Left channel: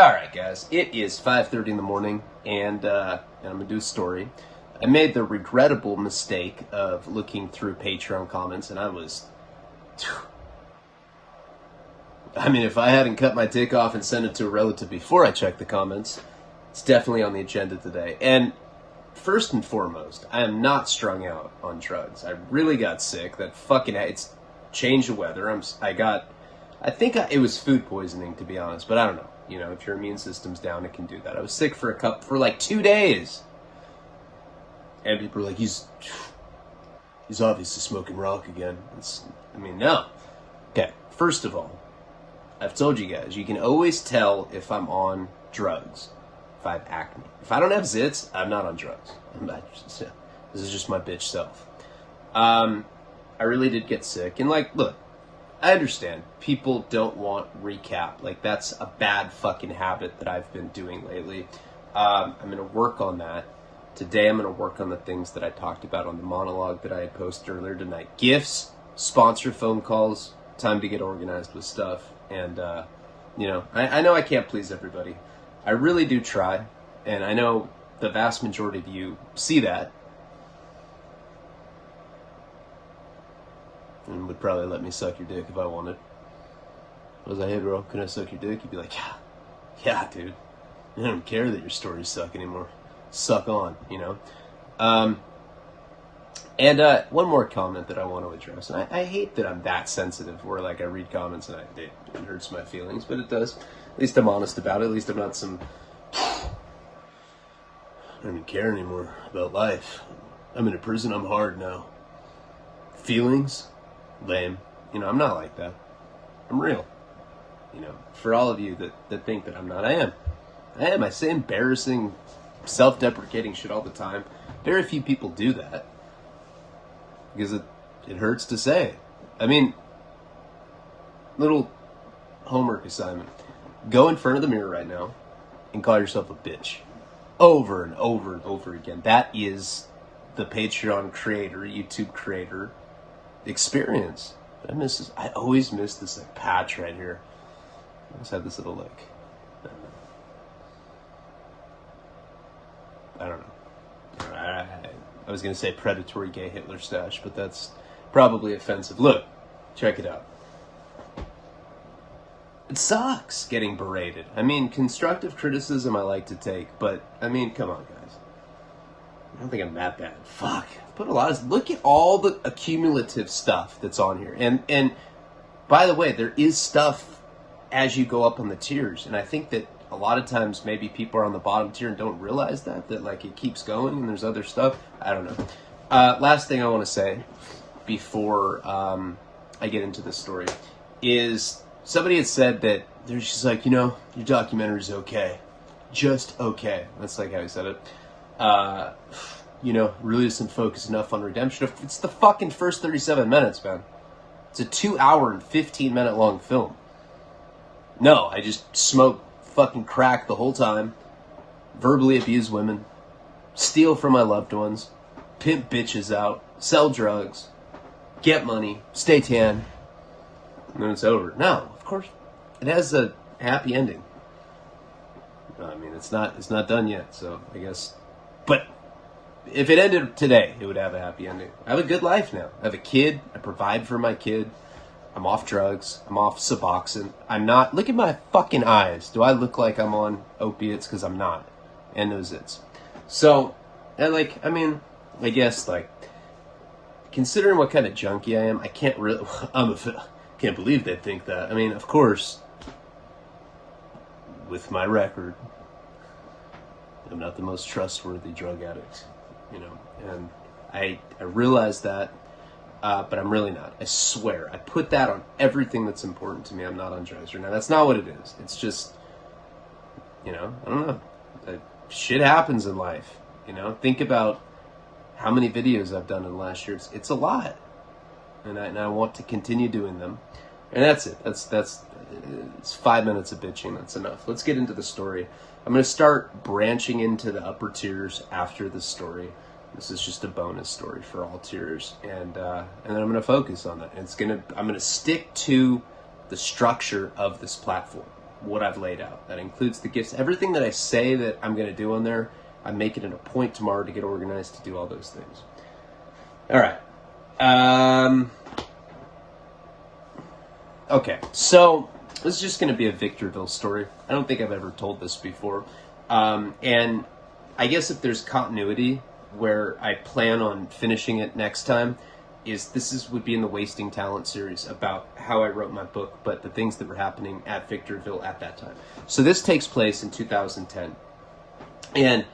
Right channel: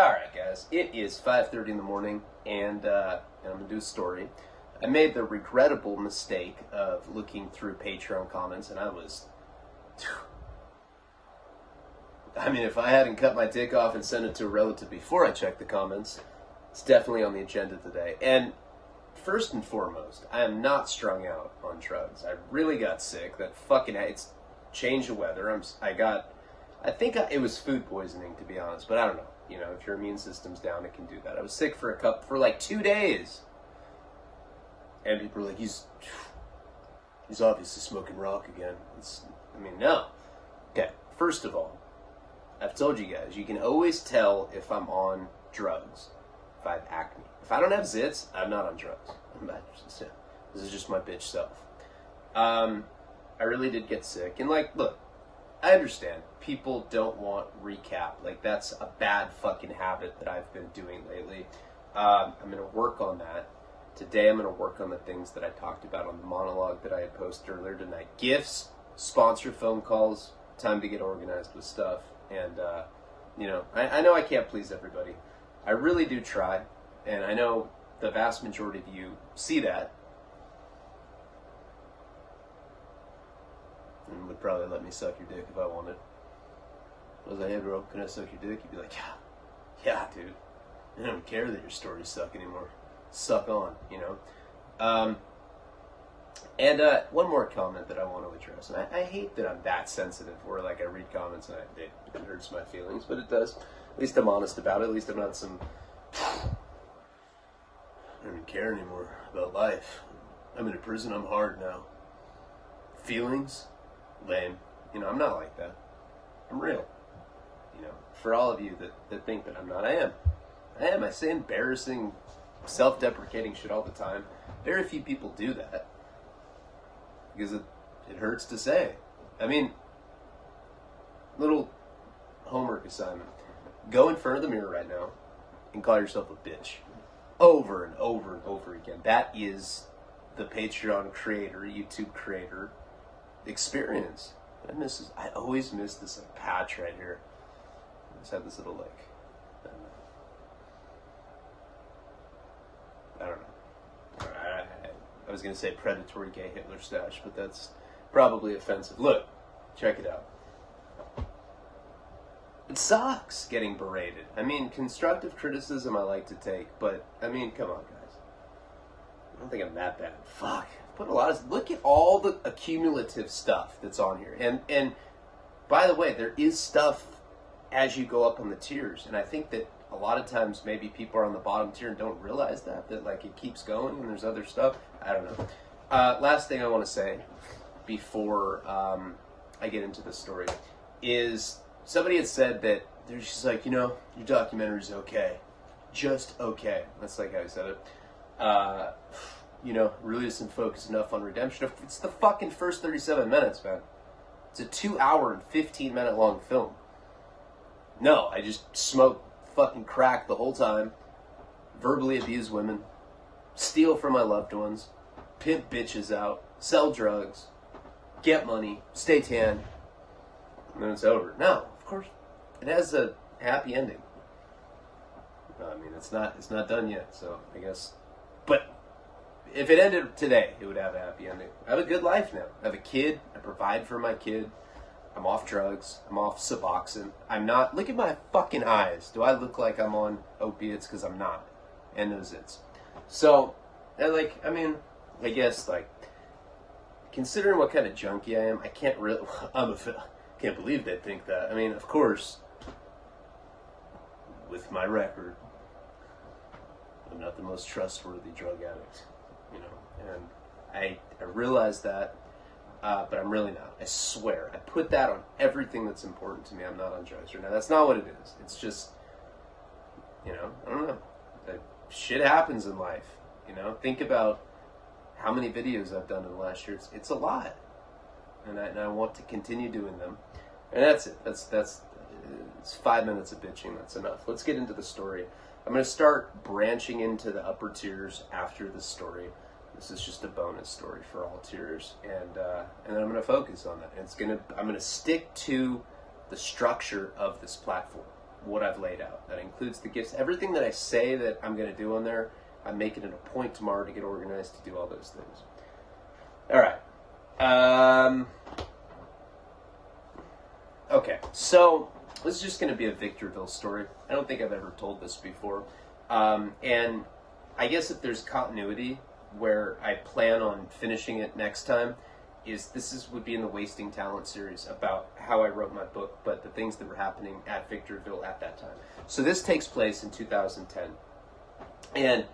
Alright guys, it is 5:30 in the morning and I'm going to do a story. I made the regrettable mistake of looking through Patreon comments and if I hadn't cut my dick off and sent it to a relative before I checked the comments, it's definitely on the agenda today. And first and foremost, I am not strung out on drugs. I really got sick. It's change of weather. It was food poisoning, to be honest, but I don't know. You know, if your immune system's down, it can do that. I was sick for like 2 days. And people are like, he's obviously smoking rock again. No. Okay, first of all, I've told you guys, you can always tell if I'm on drugs, if I have acne. If I don't have zits, I'm not on drugs. This is just my bitch self. I really did get sick. And look, I understand. People don't want recap. That's a bad fucking habit that I've been doing lately. I'm going to work on that. Today I'm going to work on the things that I talked about on the monologue that I had posted earlier tonight. Gifts, sponsor phone calls, time to get organized with stuff. And, I know I can't please everybody. I really do try. And I know the vast majority of you see that. And would probably let me suck your dick if I wanted. I was like, hey bro, can I suck your dick? You'd be like, yeah dude. I don't care that your stories suck anymore. Suck on, you know? One more comment that I want to address. And I hate that I'm that sensitive where I read comments and it hurts my feelings, but it does. At least I'm honest about it. At least I'm not I don't even care anymore about life. I'm in a prison, I'm hard now. Feelings? Lame. I'm not like that. I'm real. For all of you that think that I'm not, I am. I say embarrassing, self-deprecating shit all the time. Very few people do that. Because it hurts to say. Little homework assignment. Go in front of the mirror right now and call yourself a bitch. Over and over and over again. That is the Patreon creator, YouTube creator experience. I always miss this patch right here. I just have this little I don't know. I was gonna say predatory gay Hitler stash, but that's probably offensive. Look, check it out. It sucks getting berated. Constructive criticism I like to take, but come on guys. I don't think I'm that bad. Fuck. Look at all the accumulative stuff that's on here. And by the way, there is stuff as you go up on the tiers. And I think that a lot of times maybe people are on the bottom tier and don't realize that it keeps going and there's other stuff. I don't know. Last thing I want to say before I get into this story is somebody had said that they're just like, your documentary's okay. Just okay. That's how he said it. Really isn't focused enough on redemption. It's the fucking first 37 minutes, man. It's a 2 hour and 15 minute long film. No, I just smoke fucking crack the whole time, verbally abuse women, steal from my loved ones, pimp bitches out, sell drugs, get money, stay tan, and then it's over. No, of course, it has a happy ending. It's not done yet, so I guess, but if it ended today, it would have a happy ending. I have a good life now. I have a kid. I provide for my kid. I'm off drugs. I'm off Suboxone. I'm not. Look at my fucking eyes. Do I look like I'm on opiates? Because I'm not. And those zits. So, I guess, considering what kind of junkie I am, I can't really, can't believe they think that. Of course, with my record, I'm not the most trustworthy drug addict. And I realize that, but I'm really not. I swear. I put that on everything that's important to me. I'm not on drugs right now. That's not what it is. It's just, I don't know. Shit happens in life, Think about how many videos I've done in the last year. It's a lot. And I want to continue doing them. And that's it. It's 5 minutes of bitching. That's enough. Let's get into the story. I'm going to start branching into the upper tiers after this story. This is just a bonus story for all tiers, and then I'm going to focus on that. I'm going to stick to the structure of this platform. what I've laid out. That includes the gifts. Everything that I say that I'm going to do on there, I'm making it a point tomorrow to get organized to do all those things. All right. Okay, so this is just going to be a Victorville story. I don't think I've ever told this before. And I guess if there's continuity where I plan on finishing it next time, would be in the Wasting Talent series about how I wrote my book, but the things that were happening at Victorville at that time. So this takes place in 2010. And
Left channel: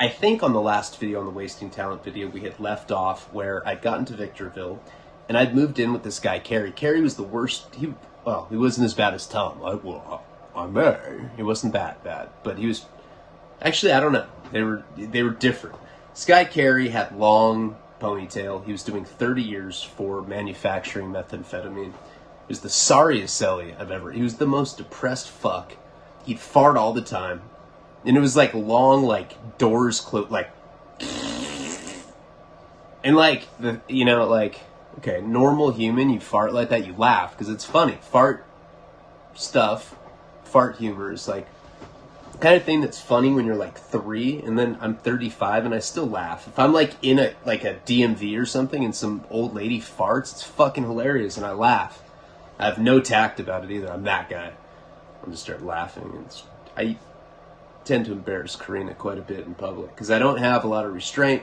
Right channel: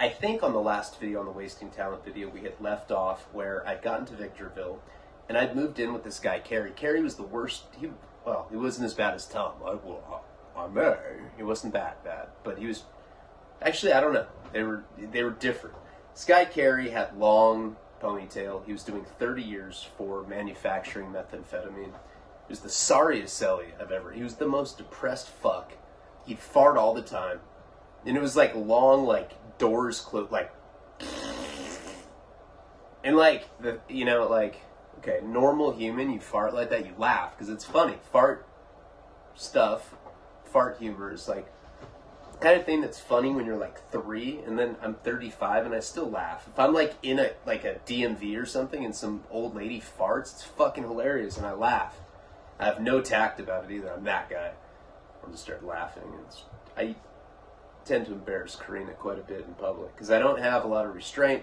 I think on the last video, on the Wasting Talent video, we had left off where I'd gotten to Victorville and I'd moved in with this guy, Kerry. Kerry was the worst. He wasn't as bad as Tom. I may. He wasn't that bad, but he was, actually, I don't know. They were different. This guy, Kerry, had long ponytail. He was doing 30 years for manufacturing methamphetamine. He was the sorriest celly I've ever. He was the most depressed fuck. He'd fart all the time. And it was like long, like doors closed, like, and like okay, normal human, you fart like that, you laugh because it's funny. Fart humor is like the kind of thing that's funny when you're like 3, and then I'm 35 and I still laugh. If I'm like in a DMV or something and some old lady farts, it's fucking hilarious and I laugh. I have no tact about it either. I'm that guy. I'll just start laughing. I tend to embarrass Karina quite a bit in public because I don't have a lot of restraint.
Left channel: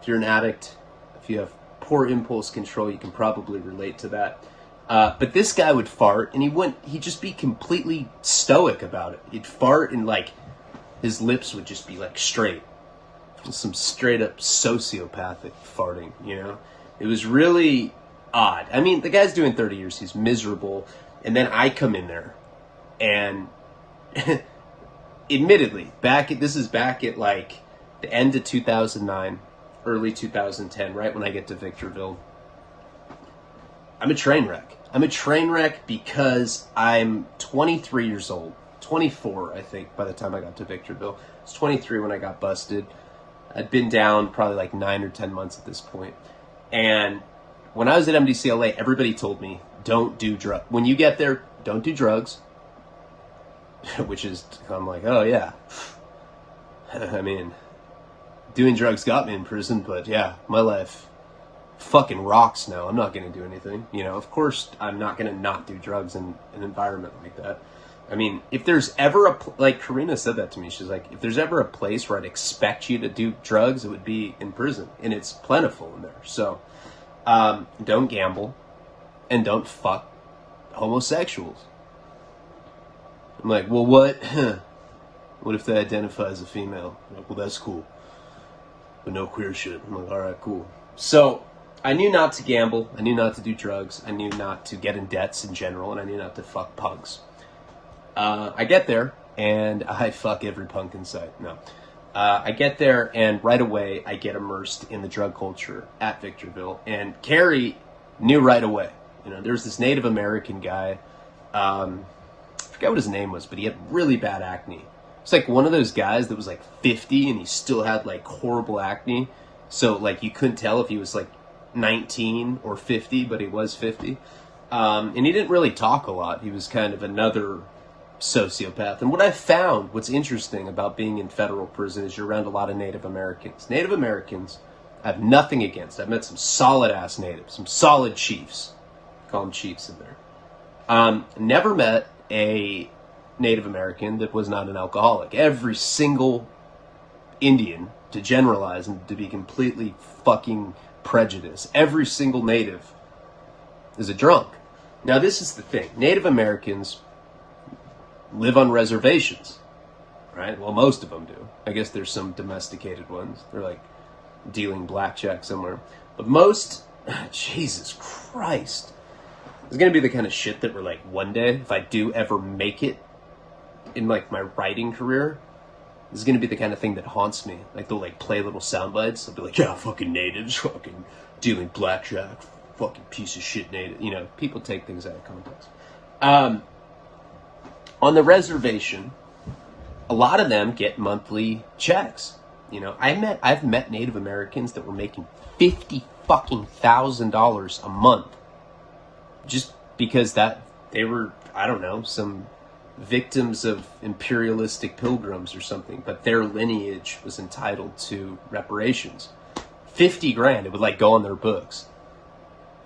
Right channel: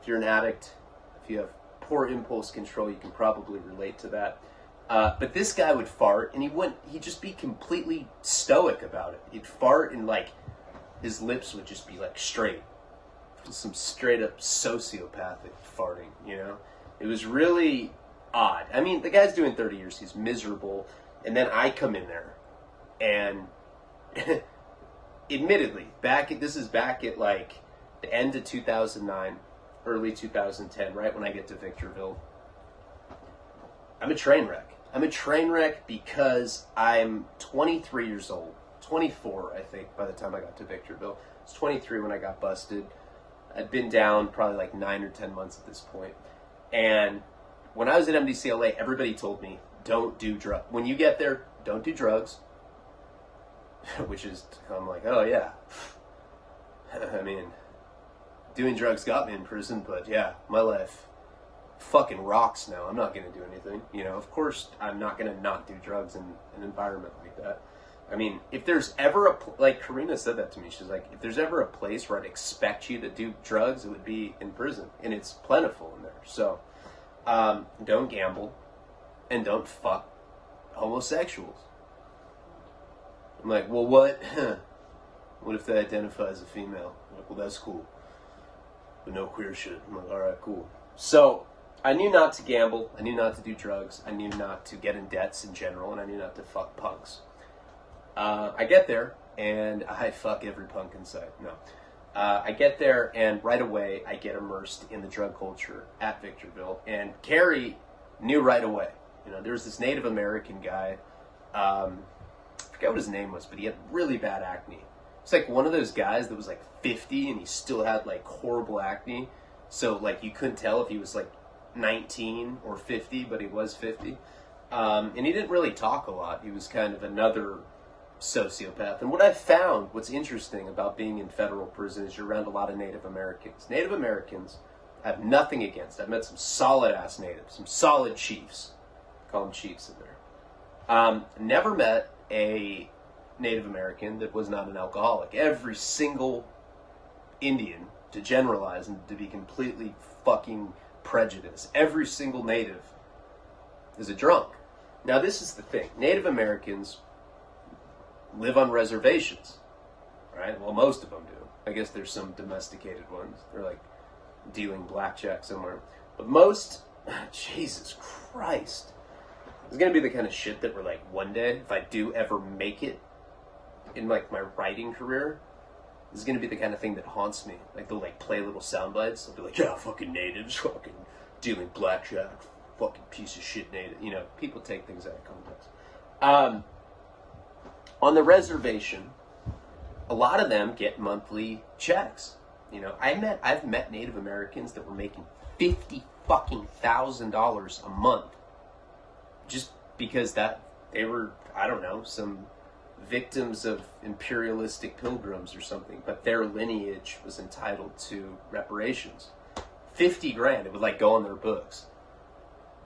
If you're an addict, if you have poor impulse control, you can probably relate to that. But this guy would fart and he'd just be completely stoic about it. He'd fart and like his lips would just be like straight. Some straight up sociopathic farting, you know? It was really odd. I mean, the guy's doing 30 years, he's miserable, and then I come in there and admittedly, this is back at like the end of 2009, early 2010, right when I get to Victorville. I'm a train wreck. I'm a train wreck because I'm 23 years old. 24, I think, by the time I got to Victorville. I was 23 when I got busted. I'd been down probably like 9 or 10 months at this point. And when I was at MDCLA, everybody told me, don't do drugs. When you get there, don't do drugs. Which is, I'm like, oh yeah. I mean, doing drugs got me in prison, but yeah, my life fucking rocks now. I'm not going to do anything. You know, of course, I'm not going to not do drugs in an environment like that. I mean, if there's ever like Karina said that to me, she's like, if there's ever a place where I'd expect you to do drugs, it would be in prison. And it's plentiful in there. So, don't gamble and don't fuck homosexuals. I'm like, well, what? What if they identify as a female? I'm like, well, that's cool. But no queer shit. I'm like, all right, cool. So I knew not to gamble. I knew not to do drugs. I knew not to get in debts in general. And I knew not to fuck punks. I get there, and I fuck every punk in sight. No. I get there, and right away, I get immersed in the drug culture at Victorville. And Carrie knew right away. You know, there was this Native American guy. I forget what his name was, but he had really bad acne. It's like one of those guys that was like 50 and he still had like horrible acne. So like you couldn't tell if he was like 19 or 50, but he was 50. And he didn't really talk a lot. He was kind of another sociopath. And what I found, what's interesting about being in federal prison is you're around a lot of Native Americans. Native Americans I have nothing against. I've met some solid ass natives, some solid chiefs. Call them chiefs in there. Never met a Native American that was not an alcoholic. Every single Indian, to generalize and to be completely fucking prejudiced, every single native is a drunk. Now this is the thing. Native Americans live on reservations, right? Well, most of them do. I guess there's some domesticated ones. They're like dealing blackjack somewhere. But most, Jesus Christ. It's going to be the kind of shit that we're like, one day, if I do ever make it in like my writing career, this is going to be the kind of thing that haunts me. Like they'll like play little sound bites. They'll be like, yeah, fucking natives, fucking dealing blackjack, fucking piece of shit native. You know, people take things out of context. On the reservation, a lot of them get monthly checks. You know, I've met Native Americans that were making $50,000 a month, just because that they were, I don't know, some victims of imperialistic pilgrims or something, but their lineage was entitled to reparations. 50 grand, it would like go on their books.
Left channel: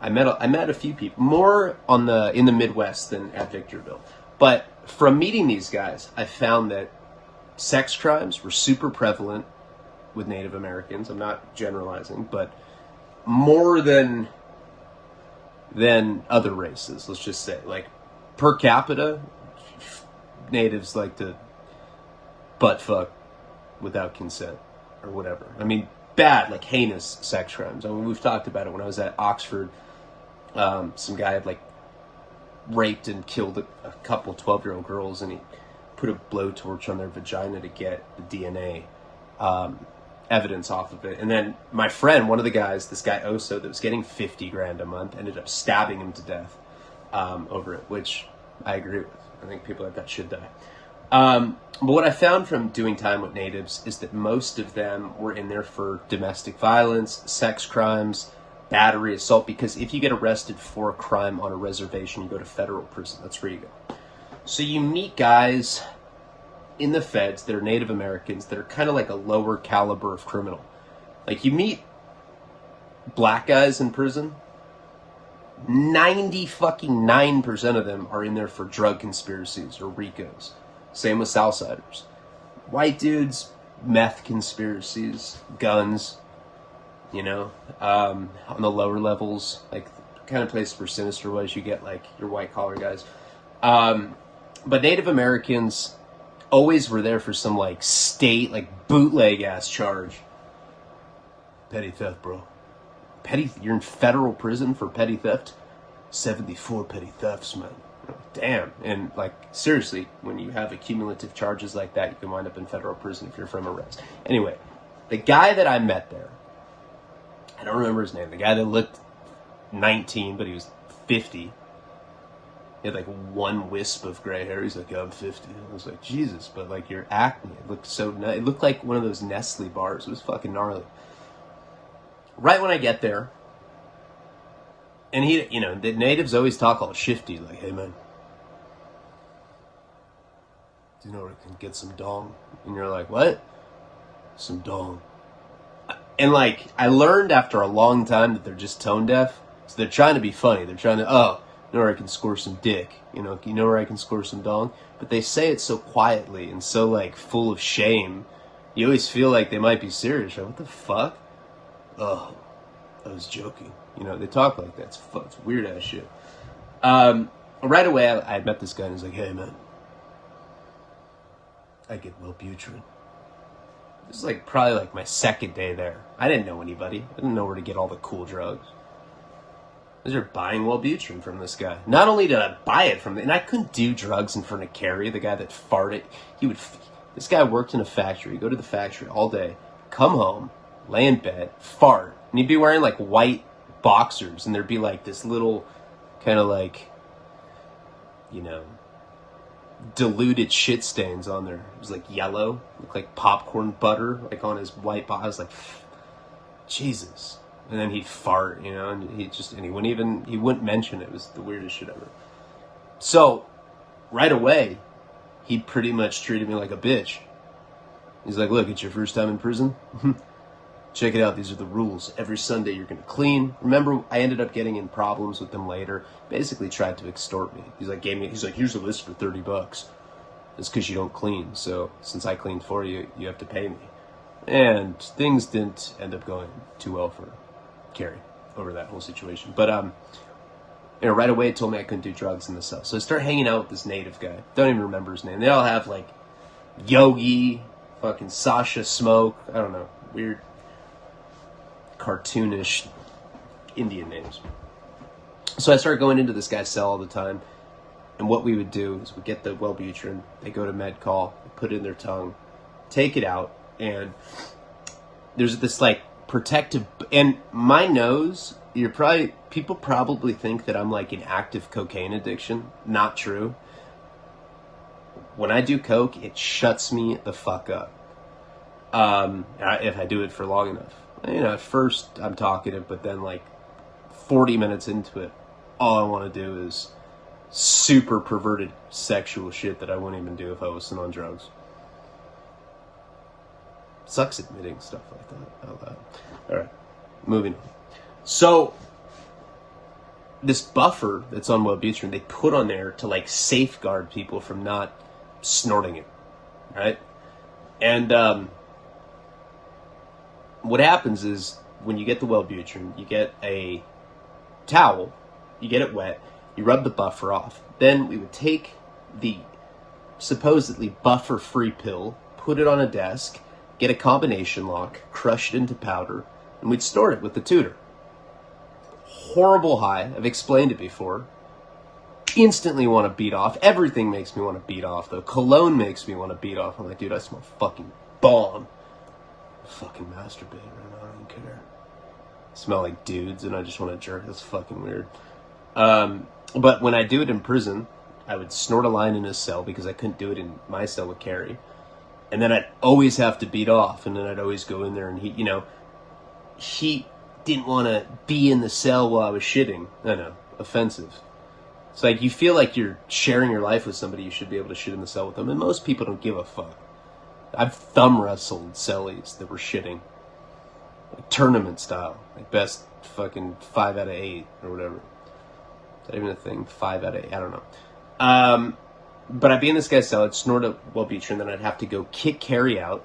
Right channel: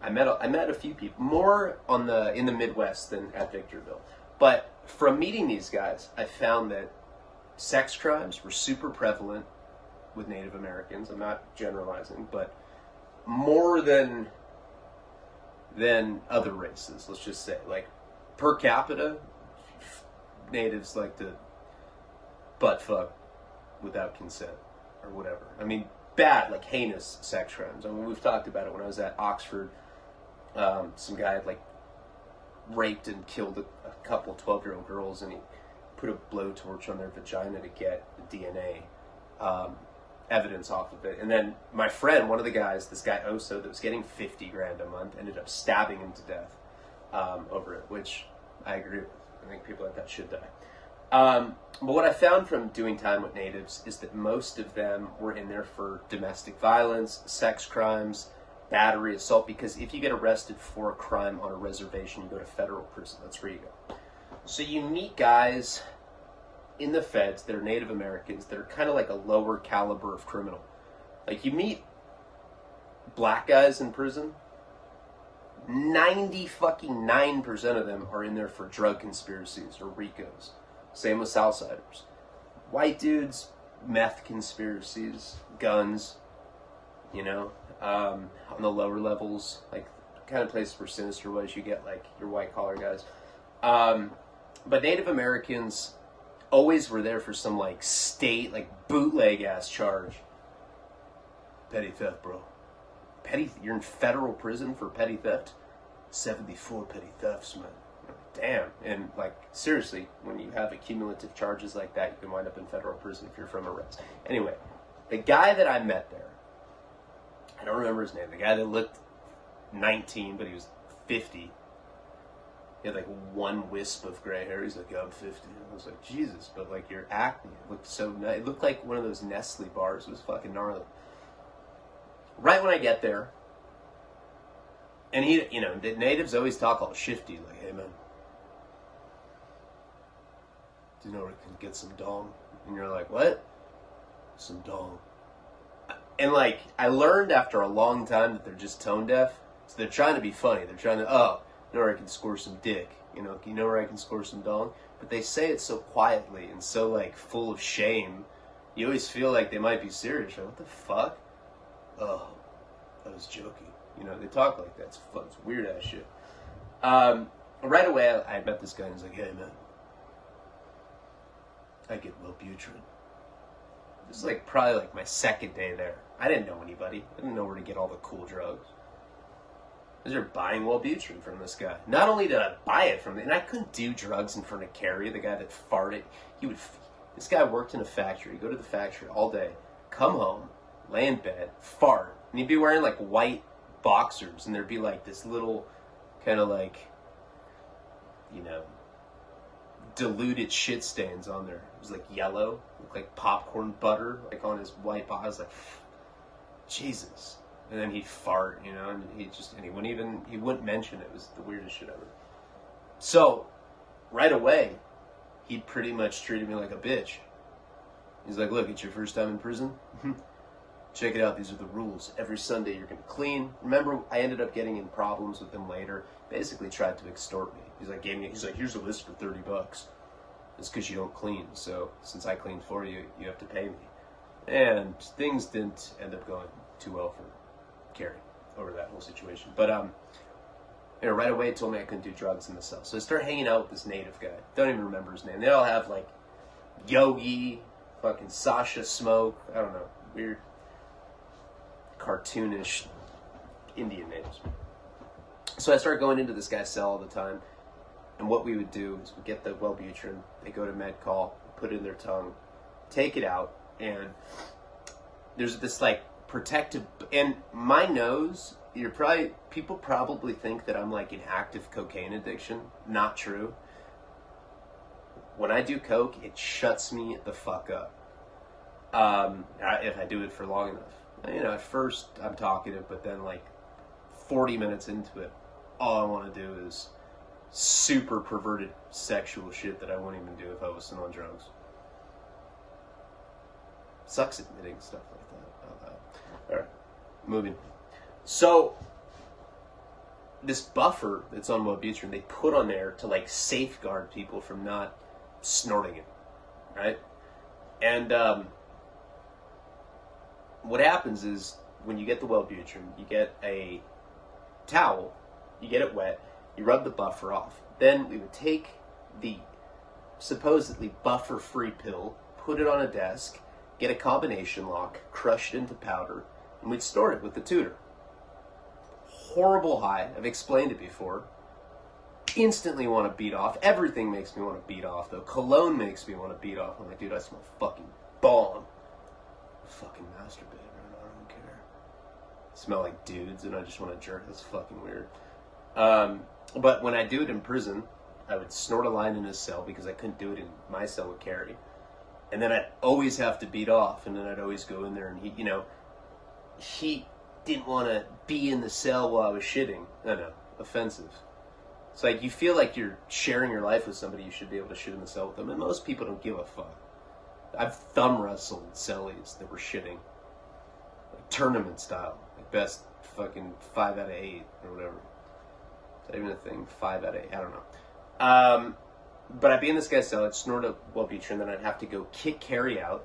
I met a few people, more in the Midwest than at Victorville. But from meeting these guys, I found that sex crimes were super prevalent with Native Americans. I'm not generalizing, but more than other races, let's just say. Like, per capita, natives like to butt fuck without consent or whatever. I mean, bad, like heinous sex crimes. I mean, we've talked about it when I was at Oxford. Some guy had like raped and killed a couple 12-year-old girls, and he put a blowtorch on their vagina to get the DNA evidence off of it. And then my friend, one of the guys, this guy Oso, that was getting 50 grand a month, ended up stabbing him to death over it, which I agree with. I think people like that should die. But what I found from doing time with natives is that most of them were in there for domestic violence, sex crimes, battery, assault, because if you get arrested for a crime on a reservation, you go to federal prison. That's where you go. So you meet guys in the feds that are Native Americans that are kind of like a lower caliber of criminal. Like, you meet black guys in prison, 99% of them are in there for drug conspiracies or RICOs. Same with Southsiders. White dudes, meth conspiracies, guns, you know, on the lower levels, like the kind of place where Sinister was, you get like your white collar guys. But Native Americans always were there for some like state, like bootleg ass charge. Petty theft, bro. You're in federal prison for petty theft? 74 petty thefts, man. Damn. And like, seriously, when you have accumulative charges like that, you can wind up in federal prison if you're from arrest. Anyway, the guy that I met there, I don't remember his name, the guy that looked 19, but he was 50. He had like one wisp of gray hair. He's like, yeah, I'm 50. I was like, Jesus, but like your acne, it looked so nice. It looked like one of those Nestle bars. It was fucking gnarly. Right when I get there, and he, you know, the natives always talk all shifty, like, hey man, do you know where I can get some dong? And you're like, what? Some dong. And like, I learned after a long time that they're just tone deaf. So they're trying to be funny. They're trying to, oh, you know where I can score some dick. You know where I can score some dong? But they say it so quietly and so like full of shame. You always feel like they might be serious. Like, what the fuck? Oh, I was joking. You know, they talk like that. It's weird ass shit. Right away, I met this guy and he's like, hey man, I get Wellbutrin. This is like probably like my second day there. I didn't know anybody. I didn't know where to get all the cool drugs. I was buying Wellbutrin from this guy. Not only did I buy it from him, and I couldn't do drugs in front of Carrie, the guy that farted. This guy worked in a factory. He'd go to the factory all day, come home, lay in bed, fart, and he'd be wearing like white boxers, and there'd be like this little kind of like, you know, diluted shit stains on there. It was like yellow, looked like popcorn butter, like on his white box. I was like, Jesus. And then he'd fart, you know, and he wouldn't mention it. It was the weirdest shit ever. So, right away, he pretty much treated me like a bitch. He's like, look, it's your first time in prison? Check it out, these are the rules. Every Sunday you're gonna clean. Remember, I ended up getting in problems with them later. Basically tried to extort me. He's like, here's a list for $30. It's because you don't clean. So since I cleaned for you, you have to pay me. And things didn't end up going too well for Carrie over that whole situation. But you know, right away it told me I couldn't do drugs in the cell. So I started hanging out with this native guy. Don't even remember his name. They all have like Yogi, fucking Sasha Smoke, I don't know, weird cartoonish Indian names. So I started going into this guy's cell all the time, and what we would do is we get the Wellbutrin, they go to med call, put it in their tongue, take it out, and there's this like protective, and my nose, people probably think that I'm like in active cocaine addiction. Not true. When I do coke, it shuts me the fuck up. If I do it for long enough. You know, at first I'm talkative, but then like 40 minutes into it, all I want to do is super perverted sexual shit that I wouldn't even do if I wasn't on drugs. Sucks admitting stuff like that out loud. Alright, moving on. So, this buffer that's on Wellbutrin, they put on there to like safeguard people from not snorting it, right? And what happens is when you get the Wellbutrin, you get a towel, you get it wet, you rub the buffer off. Then we would take the supposedly buffer-free pill, put it on a desk, get a combination lock, crush it into powder, and we'd snort it with the tutor. Horrible high. I've explained it before. Instantly want to beat off. Everything makes me want to beat off, though. Cologne makes me want to beat off. I'm like, dude, I smell fucking bomb. Fucking masturbate right now. I don't care. I smell like dudes, and I just want to jerk. That's fucking weird. But when I do it in prison, I would snort a line in his cell because I couldn't do it in my cell with Carrie. And then I'd always have to beat off, and then I'd always go in there, and he didn't want to be in the cell while I was shitting. I know, offensive. It's like you feel like you're sharing your life with somebody, you should be able to shit in the cell with them, and most people don't give a fuck. I've thumb wrestled cellies that were shitting, like tournament style, like best fucking 5 out of 8 or whatever. Is that even a thing? 5 out of 8? I don't know. But I'd be in this guy's cell, I'd snort a Wellbutrin, then I'd have to go kick Carrie out,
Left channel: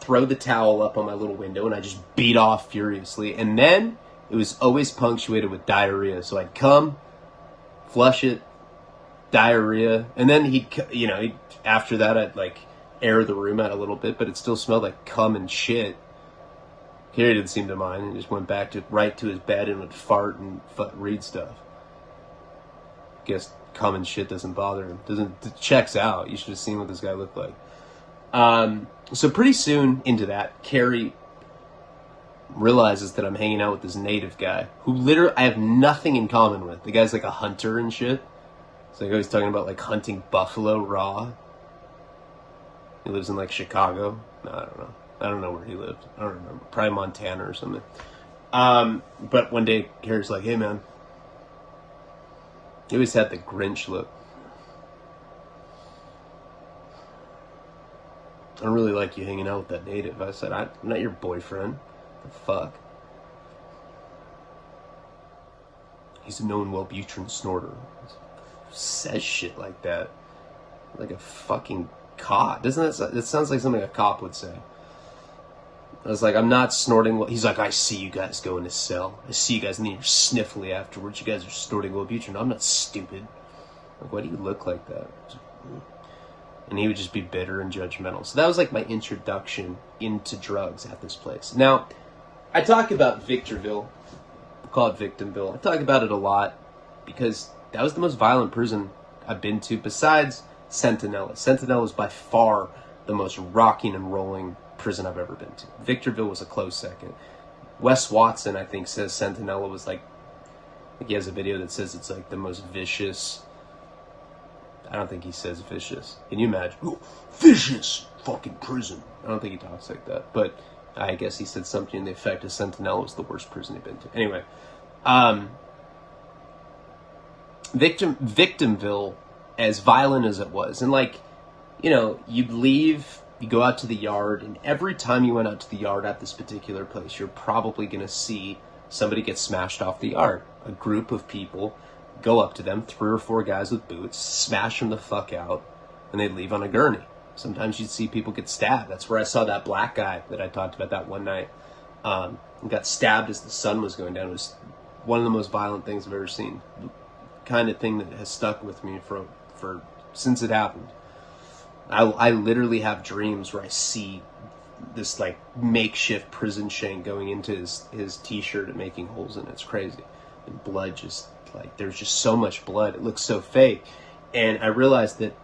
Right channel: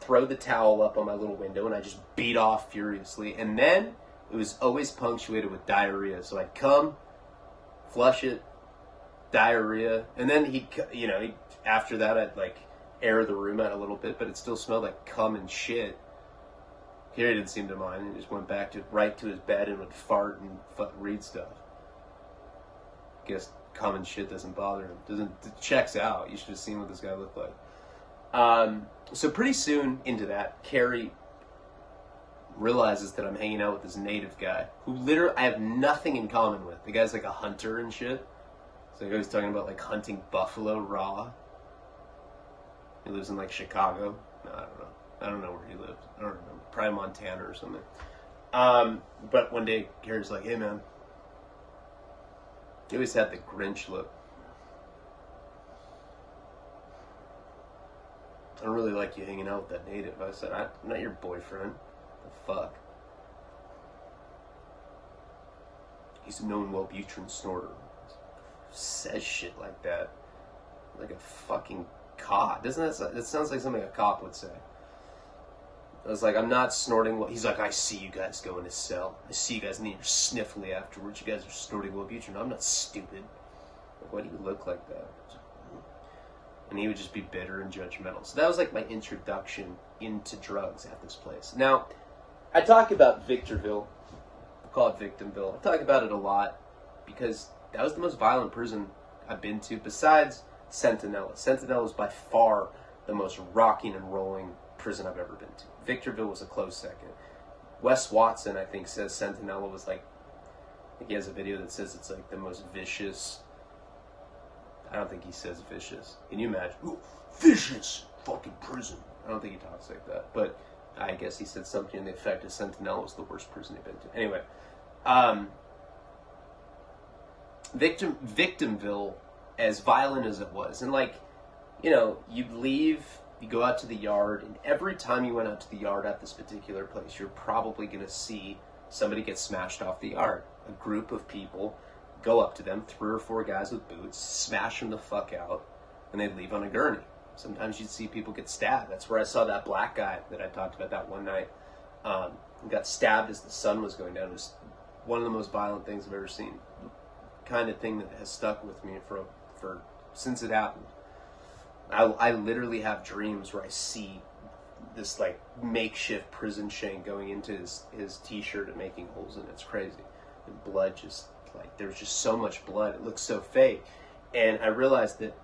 throw the towel up on my little window, and I just beat off furiously. And then it was always punctuated with diarrhea. So I'd come, flush it, diarrhea, and then after that I'd like air the room out a little bit, but it still smelled like cum and shit. Carrie didn't seem to mind, and just went back right to his bed and would fart and read stuff. Guess cum and shit doesn't bother him. It checks out. You should have seen what this guy looked like. So pretty soon into that, Carrie realizes that I'm hanging out with this native guy who literally I have nothing in common with. The guy's like a hunter and shit. So like, he's talking about like hunting buffalo raw. He lives in like Chicago. No, I don't know. I don't know where he lived. I don't remember. Probably Montana or something. But one day, Carrie's like, hey man. He always had the Grinch look. I don't really like you hanging out with that native. I said, I'm not your boyfriend. The fuck? He's a known Wellbutrin snorter. Says shit like that. Like a fucking cop. Doesn't that sounds like something a cop would say. I was like, I'm not snorting. He's like, I see you guys go in his cell. I see you guys, and then you're sniffly afterwards. You guys are snorting Wellbutrin. I'm not stupid. Like, why do you look like that? And he would just be bitter and judgmental. So that was like my introduction into drugs at this place. Now, I talk about Victorville. I call it Victimville. I talk about it a lot because that was the most violent prison I've been to besides Centinela. Centinela is by far the most rocking and rolling prison I've ever been to. Victorville was a close second. Wes Watson, I think, says Centinela was like he has a video that says it's like the most vicious. I don't think he says vicious. Can you imagine? Oh, vicious fucking prison. I don't think he talks like that. But I guess he said something in the effect of Centinela was the worst prison he'd been to. Anyway, Victimville, as violent as it was, and like, you'd leave, you go out to the yard, and every time you went out to the yard at this particular place, you're probably going to see somebody get smashed off the yard. A group of people go up to them, 3 or 4 guys with boots, smash them the fuck out, and they'd leave on a gurney. Sometimes you'd see people get stabbed. That's where I saw that black guy that I talked about that one night. Got stabbed as the sun was going down. It was one of the most violent things I've ever seen. The kind of thing that has stuck with me for since it happened. I literally have dreams where I see this like makeshift prison shank going into his t-shirt and making holes in it. It's crazy. And blood just like, there's just so much blood. It looks so fake. And I realized that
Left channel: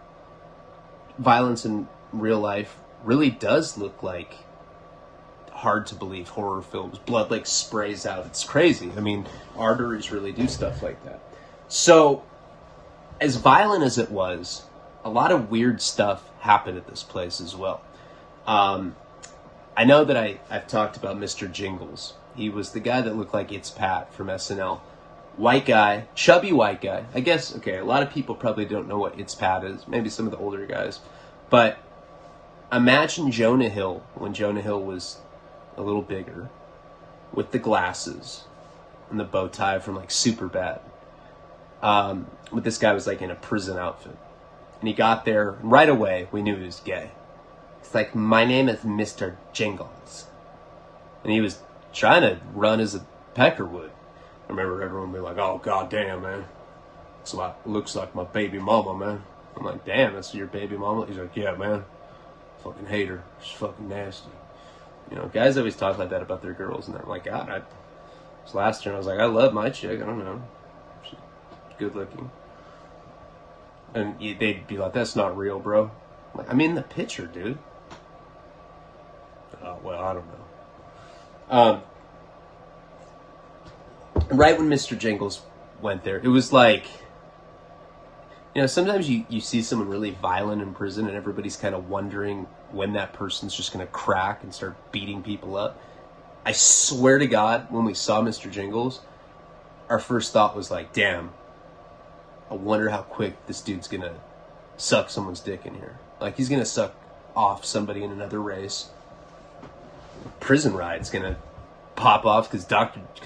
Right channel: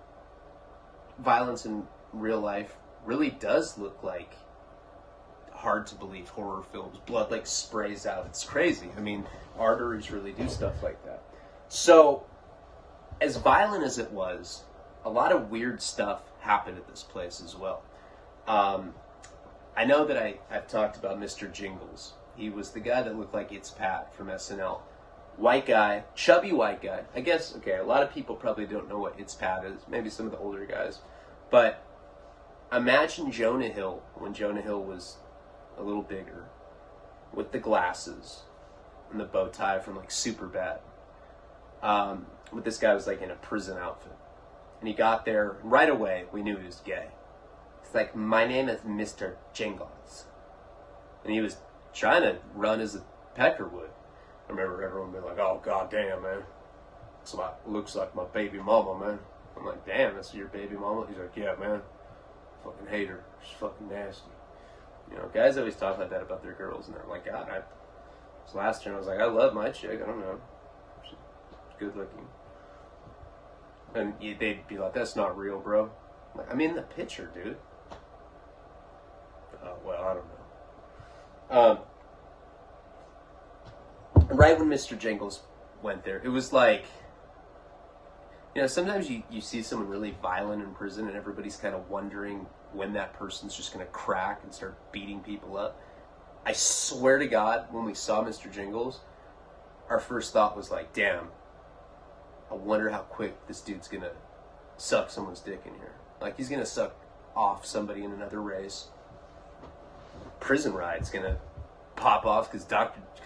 violence in real life really does look like hard to believe horror films. Blood like sprays out. It's crazy. I mean, arteries really do stuff like that. So, as violent as it was, a lot of weird stuff happened at this place as well. I know that I've talked about Mr. Jingles. He was the guy that looked like It's Pat from SNL. white guy, chubby white guy. I guess, okay, a lot of people probably don't know what It's Pat is. Maybe some of the older guys. But imagine Jonah Hill when Jonah Hill was a little bigger, with the glasses and the bow tie from like Superbad. But this guy was like in a prison outfit. And he got there, and right away we knew he was gay. It's like, my name is Mr. Jingles. And he was trying to run as a pecker would. I remember everyone being like, oh, goddamn, man. Looks like my baby mama, man. I'm like, damn, that's your baby mama? He's like, yeah, man. Fucking hate her. She's fucking nasty. You know, guys always talk like that about their girls, and I'm like, God, this last year, I was like, I love my chick. I don't know. She's good looking. And they'd be like, that's not real, bro. I'm like, I'm in the picture, dude. Oh, well, I don't know. Right when Mr. Jingles went there, it was like, you know, sometimes you see someone really violent in prison and everybody's kind of wondering when that person's just going to crack and start beating people up. I swear to God, when we saw Mr. Jingles, our first thought was like, damn, I wonder how quick this dude's going to suck someone's dick in here. Like, he's going to suck off somebody in another race. Prison ride's going to pop off because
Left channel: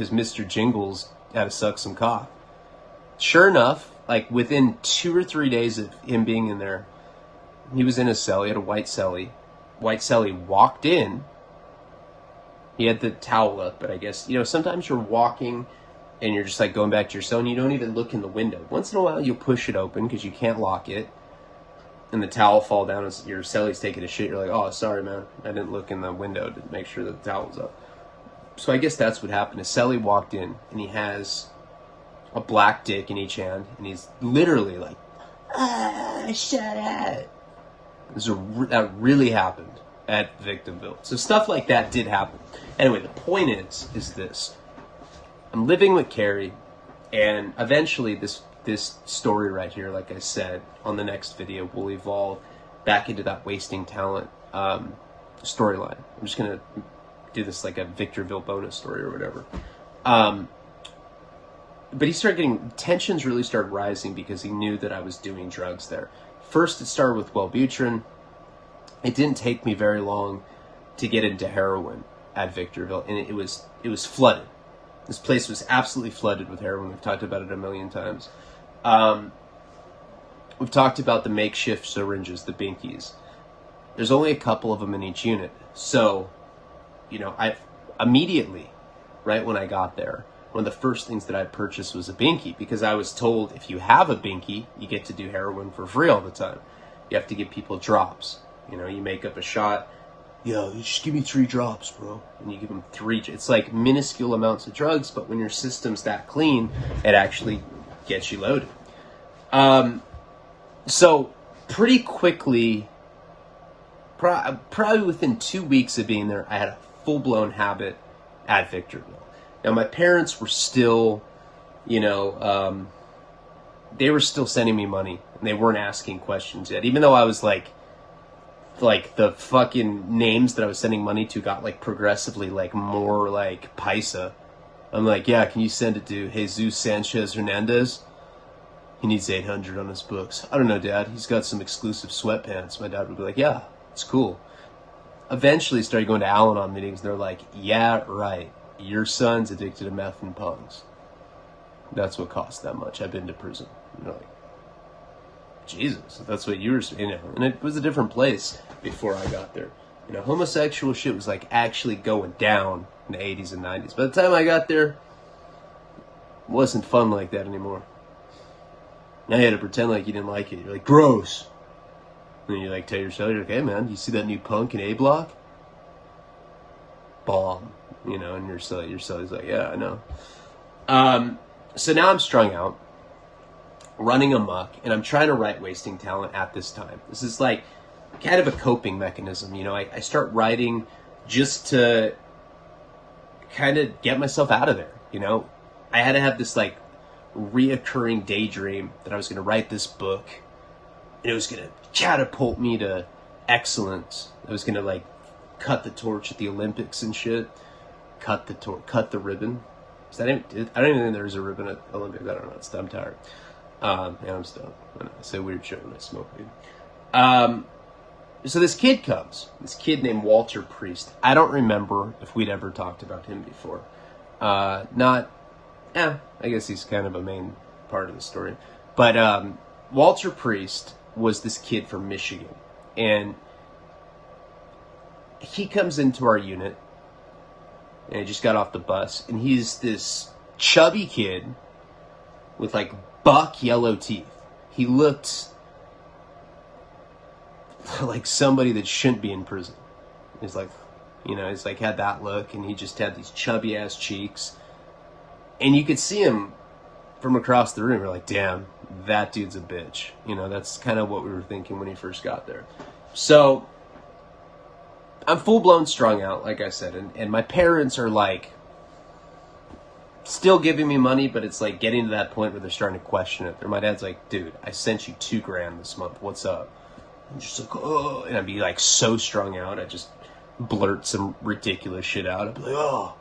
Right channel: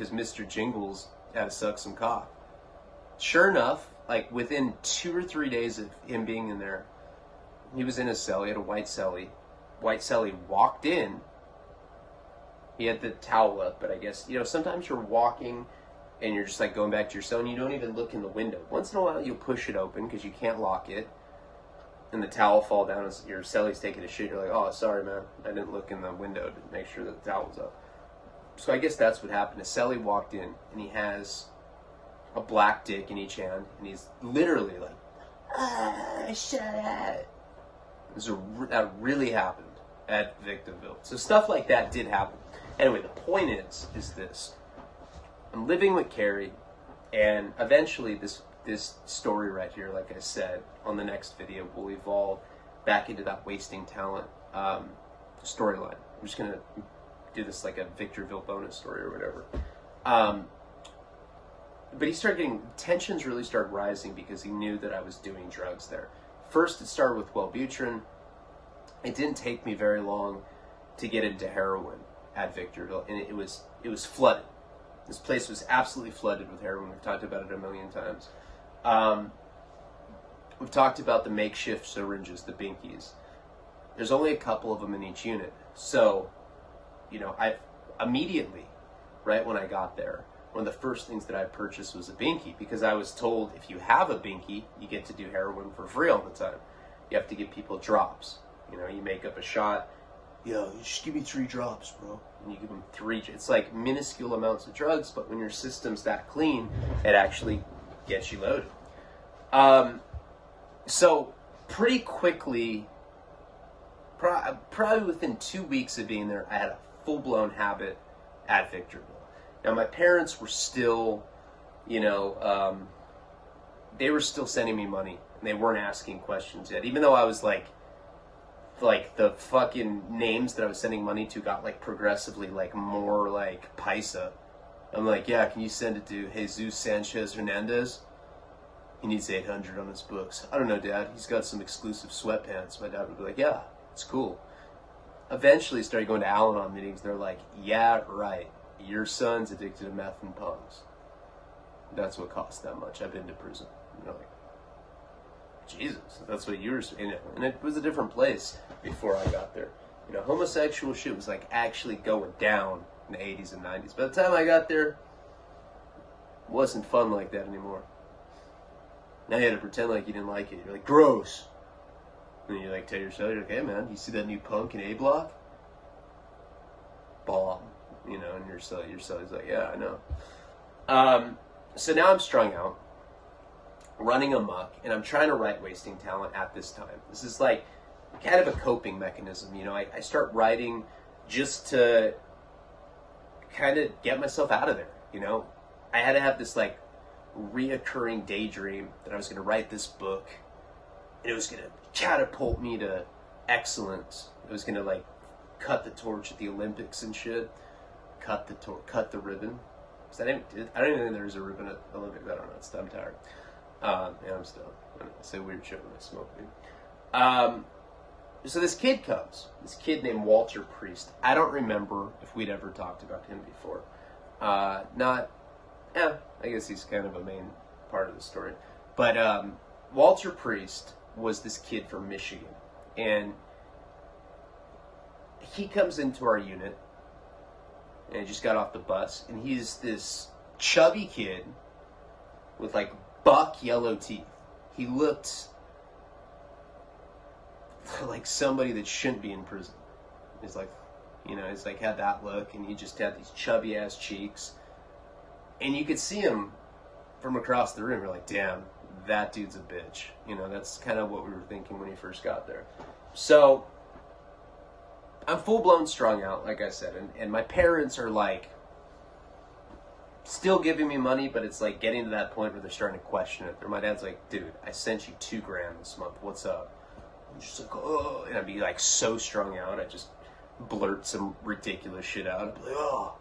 Mr. Jingles had to suck some cock. Sure enough, like within 2 or 3 days of him being in there, he was in a cell. He had a white cellie. White cellie walked in. He had the towel up, but I guess, you know, sometimes you're walking and you're just like going back to your cell and you don't even look in the window. Once in a while you'll push it open because you can't lock it, and the towel fall down as your cellie's taking a shit. You're like, oh, sorry, man. I didn't look in the window to make sure that the towel was up. So I guess that's what happened. A cellie walked in and he has a black dick in each hand, and he's literally like, shut up. That really happened at Victorville. So stuff like that did happen. Anyway, the point is this. I'm living with Carrie, and eventually this story right here, like I said, on the next video will evolve back into that wasting talent storyline. I'm just going to do this like a Victorville bonus story or whatever. But he started getting, tensions really started rising because he knew that I was doing drugs there. First, it started with Wellbutrin. It didn't take me very long to get into heroin at Victorville, and it was flooded. This place was absolutely flooded with heroin. We've talked about it a million times. We've talked about the makeshift syringes, the binkies. There's only a couple of them in each unit. So, you know, I immediately, right when I got there, one of the first things that I purchased was a binky, because I was told if you have a binky, you get to do heroin for free all the time. You have to give people drops. You know, you make up a shot. Yo, you just give me 3 drops, bro. And you give them 3. It's like minuscule amounts of drugs, but when your system's that clean, it actually gets you loaded. So pretty quickly, probably within 2 weeks of being there, I had a full-blown habit at Victorville. Now, my parents were still, you know, they were still sending me money, and they weren't asking questions yet. Even though I was like the fucking names that I was sending money to got like progressively like more like paisa. I'm like, yeah, can you send it to Jesus Sanchez Hernandez? He needs 800 on his books. I don't know, Dad. He's got some exclusive sweatpants. My dad would be like, yeah, it's cool. Eventually started going to Al-Anon meetings. They're like, yeah, right. Your son's addicted to meth and pungs. That's what costs that much. I've been to prison. And they're like, Jesus, that's what you were, you know. And it was a different place before I got there. You know, homosexual shit was like actually going down in the 80s and 90s. By the time I got there, it wasn't fun like that anymore. Now you had to pretend like you didn't like it. You're like, gross. And then you like tell yourself, you're like, hey man, you see that new punk in A Block? Bomb. You know, and your celly's like, yeah, I know. So now I'm strung out, running amok, and I'm trying to write Wasting Talent at this time. This is like kind of a coping mechanism. You know, I start writing just to kind of get myself out of there. You know, I had to have this like reoccurring daydream that I was going to write this book, and it was going to catapult me to excellence. I was going to like cut the torch at the Olympics and shit. Cut the ribbon. I don't even think there was a ribbon at Olympics. I don't know. I'm tired. Yeah, I'm stoned. I say weird shit when I smoke weed. So this kid comes. This kid named Walter Priest. I don't remember if we'd ever talked about him before. I guess he's kind of a main part of the story. But Walter Priest was this kid from Michigan. And he comes into our unit. And he just got off the bus. And he's this chubby kid with like buck yellow teeth. He looked like somebody that shouldn't be in prison. He's like, he's like had that look, and he just had these chubby ass cheeks. And you could see him from across the room. You're like, damn, that dude's a bitch. That's kind of what we were thinking when he first got there. So I'm full-blown strung out, like I said, and my parents are like still giving me money, but it's like getting to that point where they're starting to question it. My dad's like, dude, I sent you $2,000 this month. What's up? I'm just like, oh, and I'd be like so strung out. I just blurt some ridiculous shit out. I'd be like, oh,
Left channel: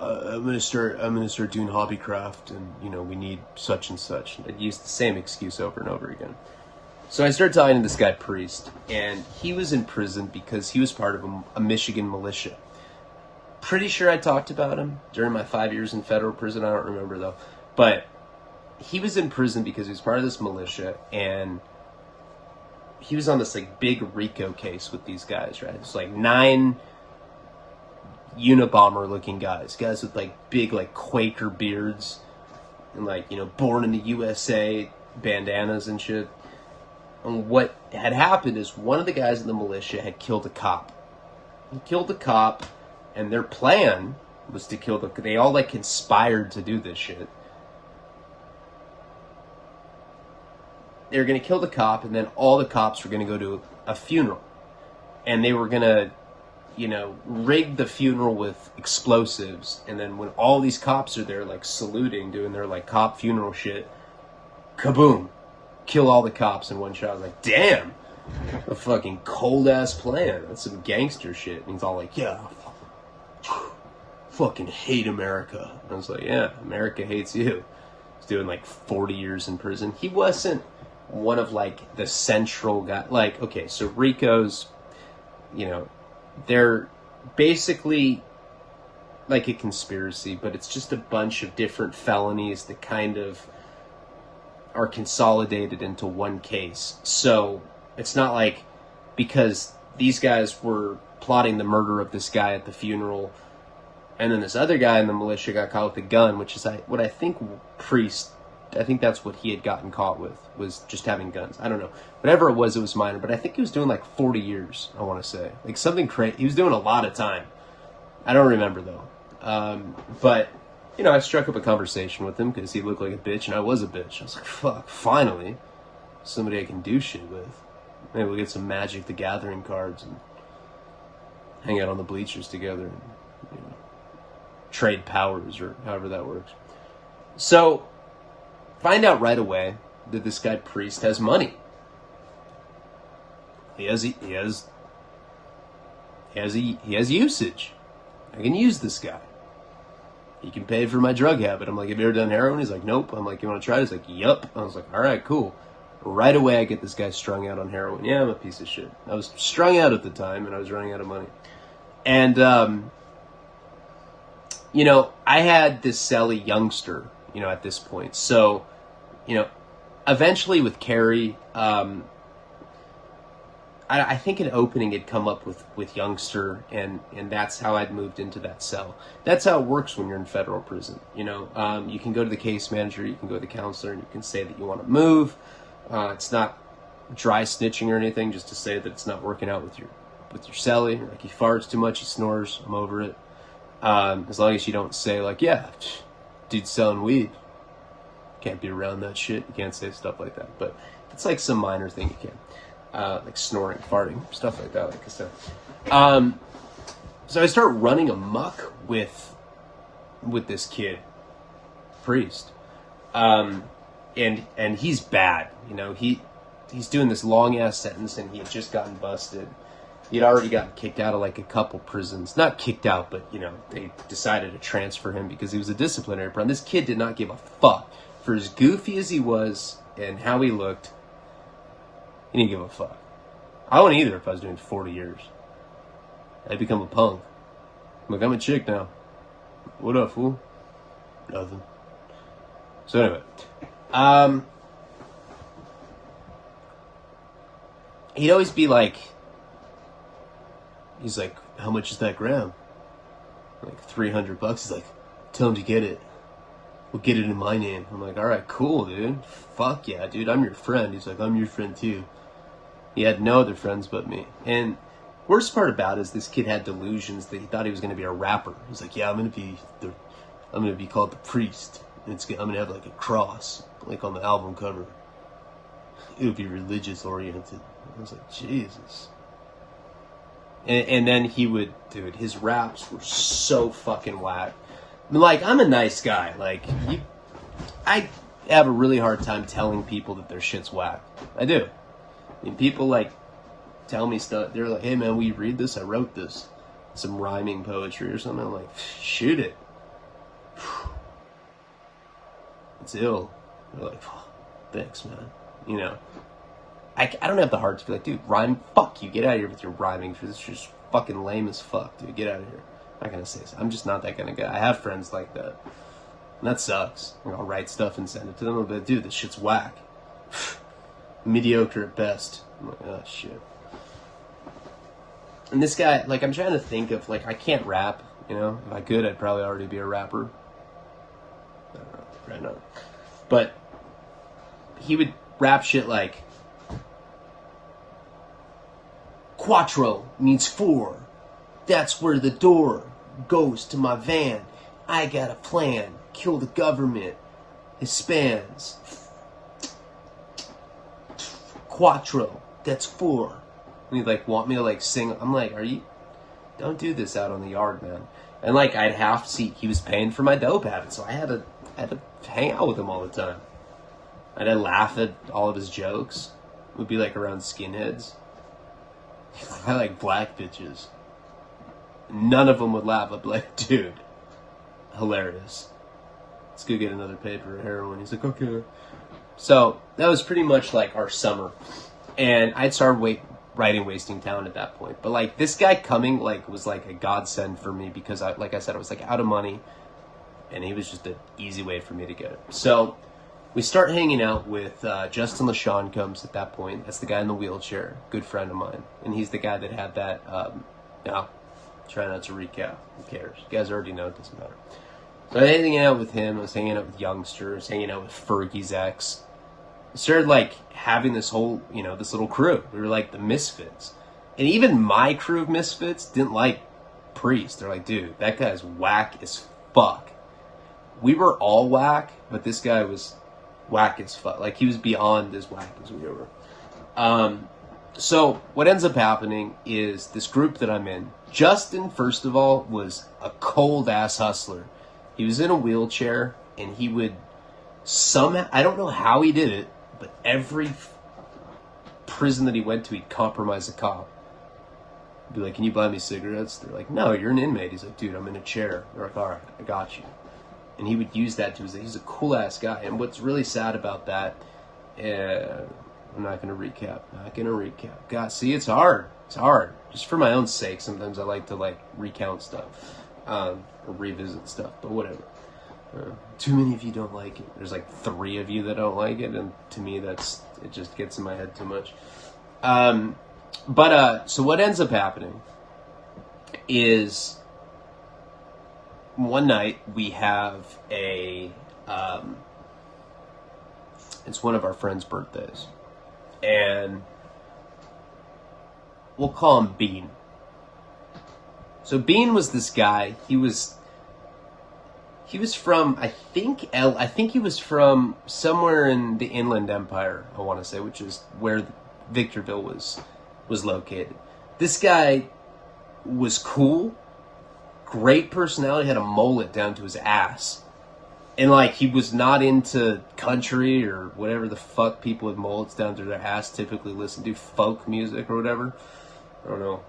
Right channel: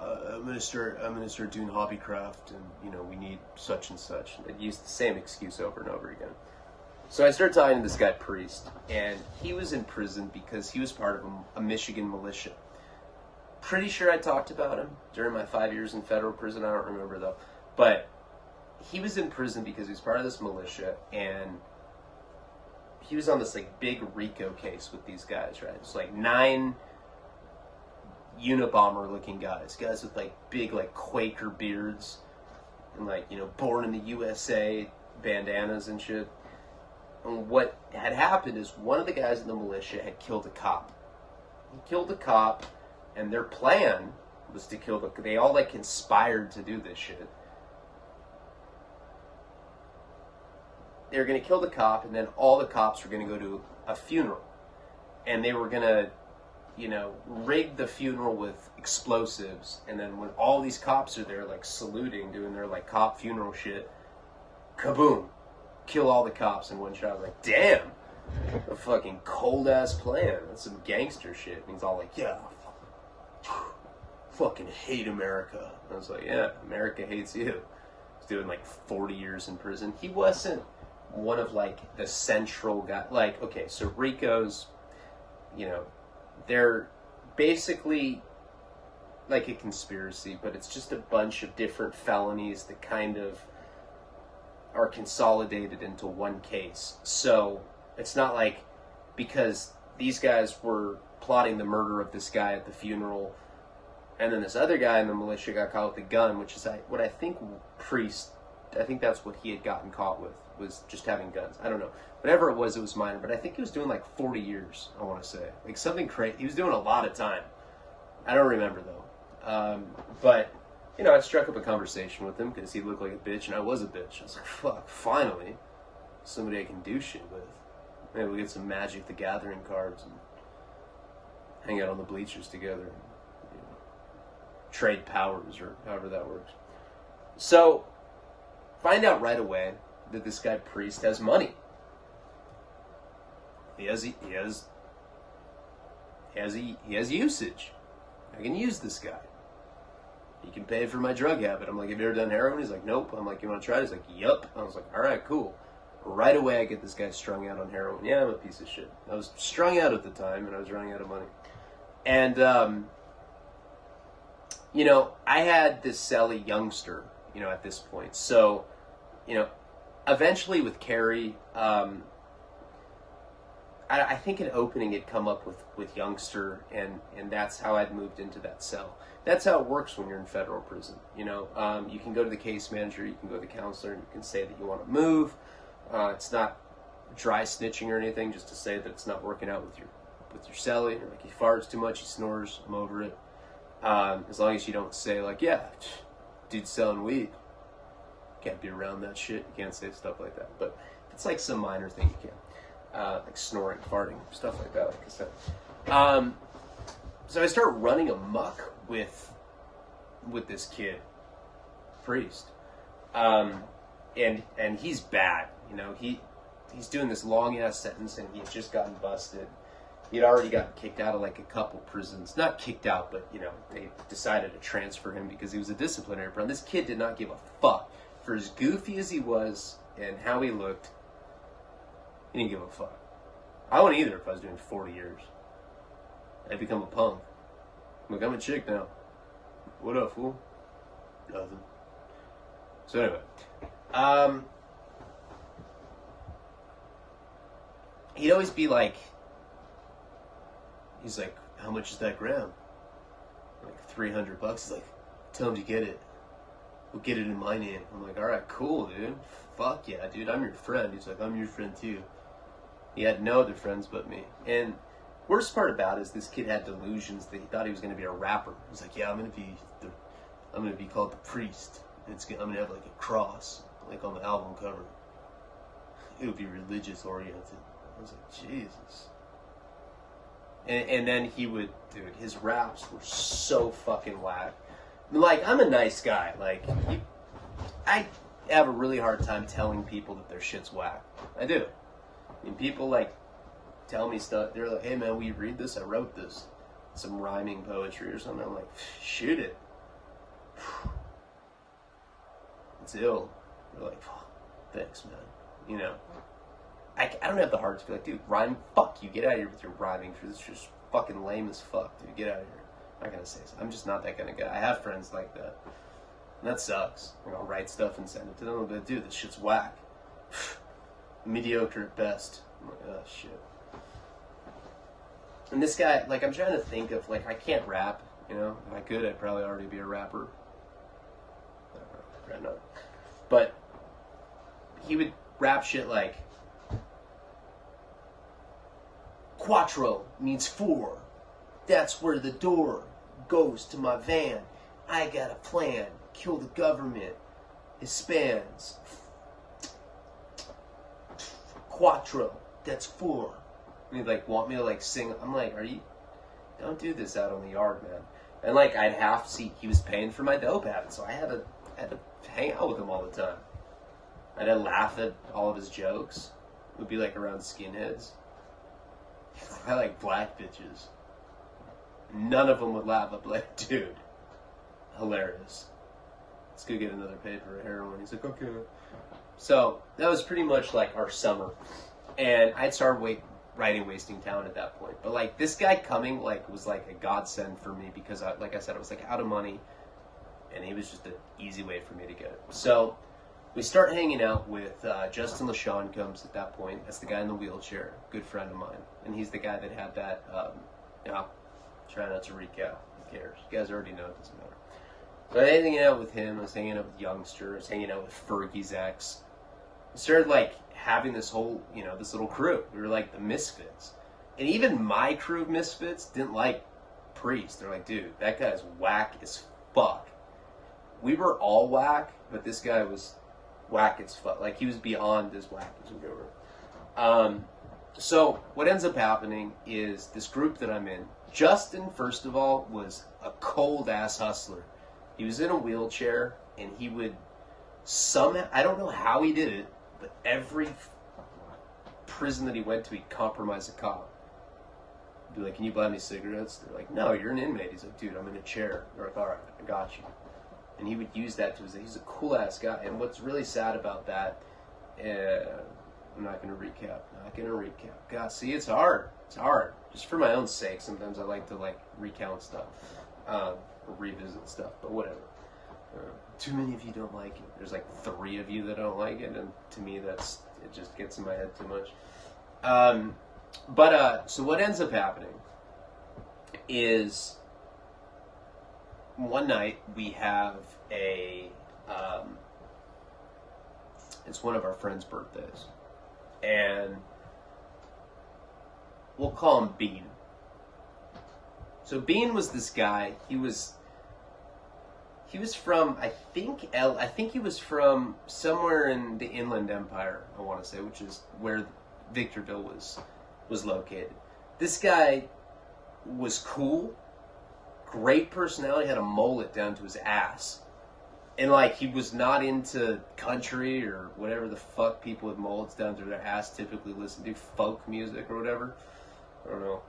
I'm gonna start doing hobbycraft, and we need such and such. And I'd use the same excuse over and over again. So I started talking to this guy Priest, and he was in prison because he was part of a Michigan militia. Pretty sure I talked about him during my 5 years in federal prison. I don't remember though, but he was in prison because he was part of this militia, and he was on this like big RICO case with these guys, right? It's like 9 Unabomber looking guys with like big like Quaker beards and like, born in the USA bandanas and shit. And what had happened is one of the guys in the militia had killed a cop. He killed a cop, and their plan was to kill they all like conspired to do this shit. They were going to kill the cop, and then all the cops were going to go to a funeral. And they were going to, rig the funeral with explosives. And then when all these cops are there, like, saluting, doing their, like, cop funeral shit, kaboom. Kill all the cops in one shot. I'm like, damn. A fucking cold-ass plan. That's some gangster shit. And he's all like, yeah, fucking hate America. And I was like, yeah, America hates you. He's doing, like, 40 years in prison. He wasn't one of like the central guy, like, okay, so RICO's, they're basically like a conspiracy, but it's just a bunch of different felonies that kind of are consolidated into one case. So it's not like because these guys were plotting the murder of this guy at the funeral, and then this other guy in the militia got caught with a gun, which is what I think Priest, I think that's what he had gotten caught with, was just having guns. I don't know. Whatever it was minor. But I think he was doing like 40 years, I want to say. Like something crazy. He was doing a lot of time. I don't remember though. But, I struck up a conversation with him because he looked like a bitch and I was a bitch. I was like, fuck, finally. Somebody I can do shit with. Maybe we'll get some Magic the Gathering cards and hang out on the bleachers together and, trade powers or however that works. So, find out right away that this guy Priest has money. He has usage. I can use this guy. He can pay for my drug habit. I'm like, have you ever done heroin? He's like, nope. I'm like, you want to try it? He's like, yup. I was like, all right, cool. Right away, I get this guy strung out on heroin. Yeah, I'm a piece of shit. I was strung out at the time, and I was running out of money. And, I had this Sally youngster, at this point. So, eventually with Carrie, I think an opening had come up with youngster, and that's how I'd moved into that cell. That's how it works when you're in federal prison. You can go to the case manager, you can go to the counselor, and you can say that you want to move. It's not dry snitching or anything, just to say that it's not working out with your cellie. Like he farts too much, he snores. I'm over it. As long as you don't say like, yeah, dude's selling weed. Can't be around that shit. You can't say stuff like that. But it's like some minor thing you can. Like snoring, farting, stuff like that, like I said. So I start running amok with this kid, Priest. And he's bad. He's doing this long ass sentence, and he had just gotten busted. He'd already gotten kicked out of like a couple prisons. Not kicked out, but you know, they decided to transfer him because he was a disciplinary problem. This kid did not give a fuck. For as goofy as he was and how he looked, he didn't give a fuck. I wouldn't either if I was doing 40 years. I'd become a punk. I'm like, I'm a chick now. What up, fool? Nothing. So anyway, he'd always be like, he's like, how much is that gram? Like $300. He's like, tell him to get it. We'll get it in my name. I'm like, all right, cool, dude. Fuck yeah, dude. I'm your friend. He's like, I'm your friend too. He had no other friends but me. And worst part about it is this kid had delusions that he thought he was going to be a rapper. He's like, yeah, I'm going to be called the priest. And I'm going to have like a cross, like on the album cover. It would be religious oriented. I was like, Jesus. And then he would, dude, his raps were so fucking whack. Like, I'm a nice guy. Like, I have a really hard time telling people that their shit's whack. I do. I mean, people, like, tell me stuff. They're like, hey, man, will you read this? I wrote this. Some rhyming poetry or something. I'm like, shoot it. It's ill. They're like, oh, thanks, man. You know. I don't have the heart to be like, dude, rhyme, fuck you. Get out of here with your rhyming. This is just fucking lame as fuck, dude. Get out of here. I'm not going to say so. I'm just not that kind of guy. I have friends like that. And that sucks. I'll write stuff and send it to them. But, dude, this shit's whack. Mediocre at best. I'm like, oh, shit. And this guy, like, I'm trying to think of, like, I can't rap, you know? If I could, I'd probably already be a rapper. I don't know. Probably not. But he would rap shit like, Quattro means 4. That's where the door goes to my van. I got a plan. Kill the government. Hispans. Quattro. That's 4. And he'd like want me to like sing. I'm like, don't do this out on the yard, man. And like I'd have to see, he was paying for my dope habit, so I had to hang out with him all the time. I'd laugh at all of his jokes. It would be like around skinheads. I like black bitches. None of them would laugh. I'd be like, dude, hilarious. Let's go get another paper of heroin. He's like, okay. So that was pretty much like our summer. And I'd started writing Wasting Talent at that point. But like this guy coming like was like a godsend for me because like I said, I was like out of money. And he was just an easy way for me to get it. So we start hanging out with Justin LaShawn comes at that point. That's the guy in the wheelchair, good friend of mine. And he's the guy that had that, try not to recap, who cares? You guys already know it doesn't matter. So I was hanging out with him, I was hanging out with youngsters, hanging out with Fergie's ex. I started like having this whole, this little crew. We were like the misfits. And even my crew of misfits didn't like Priest. They're like, dude, that guy's whack as fuck. We were all whack, but this guy was whack as fuck. Like, he was beyond as whack as we were. So, what ends up happening is this group that I'm in, Justin, first of all, was a cold-ass hustler. He was in a wheelchair, and he would somehow, I don't know how he did it, but every prison that he went to, he'd compromise a cop. He'd be like, can you buy me cigarettes? They're like, no, you're an inmate. He's like, dude, I'm in a chair. They're like, all right, I got you. And he would use that to his, he's a cool-ass guy. And what's really sad about that, I'm not going to recap. God, see, it's hard. It's hard. Just for my own sake, sometimes I like to, like, recount stuff. Or revisit stuff, but whatever. Too many of you don't like it. There's, like, 3 of you that don't like it, and to me, it just gets in my head too much. So what ends up happening is one night we have it's one of our friends' birthdays, and we'll call him Bean. So Bean was this guy. He was from, I think he was from somewhere in the Inland Empire, I want to say, which is where Victorville was located. This guy was cool, great personality, had a mullet down to his ass. And, like, he was not into country or whatever the fuck people with mullets down to their ass typically listen to, folk music or whatever. I don't know.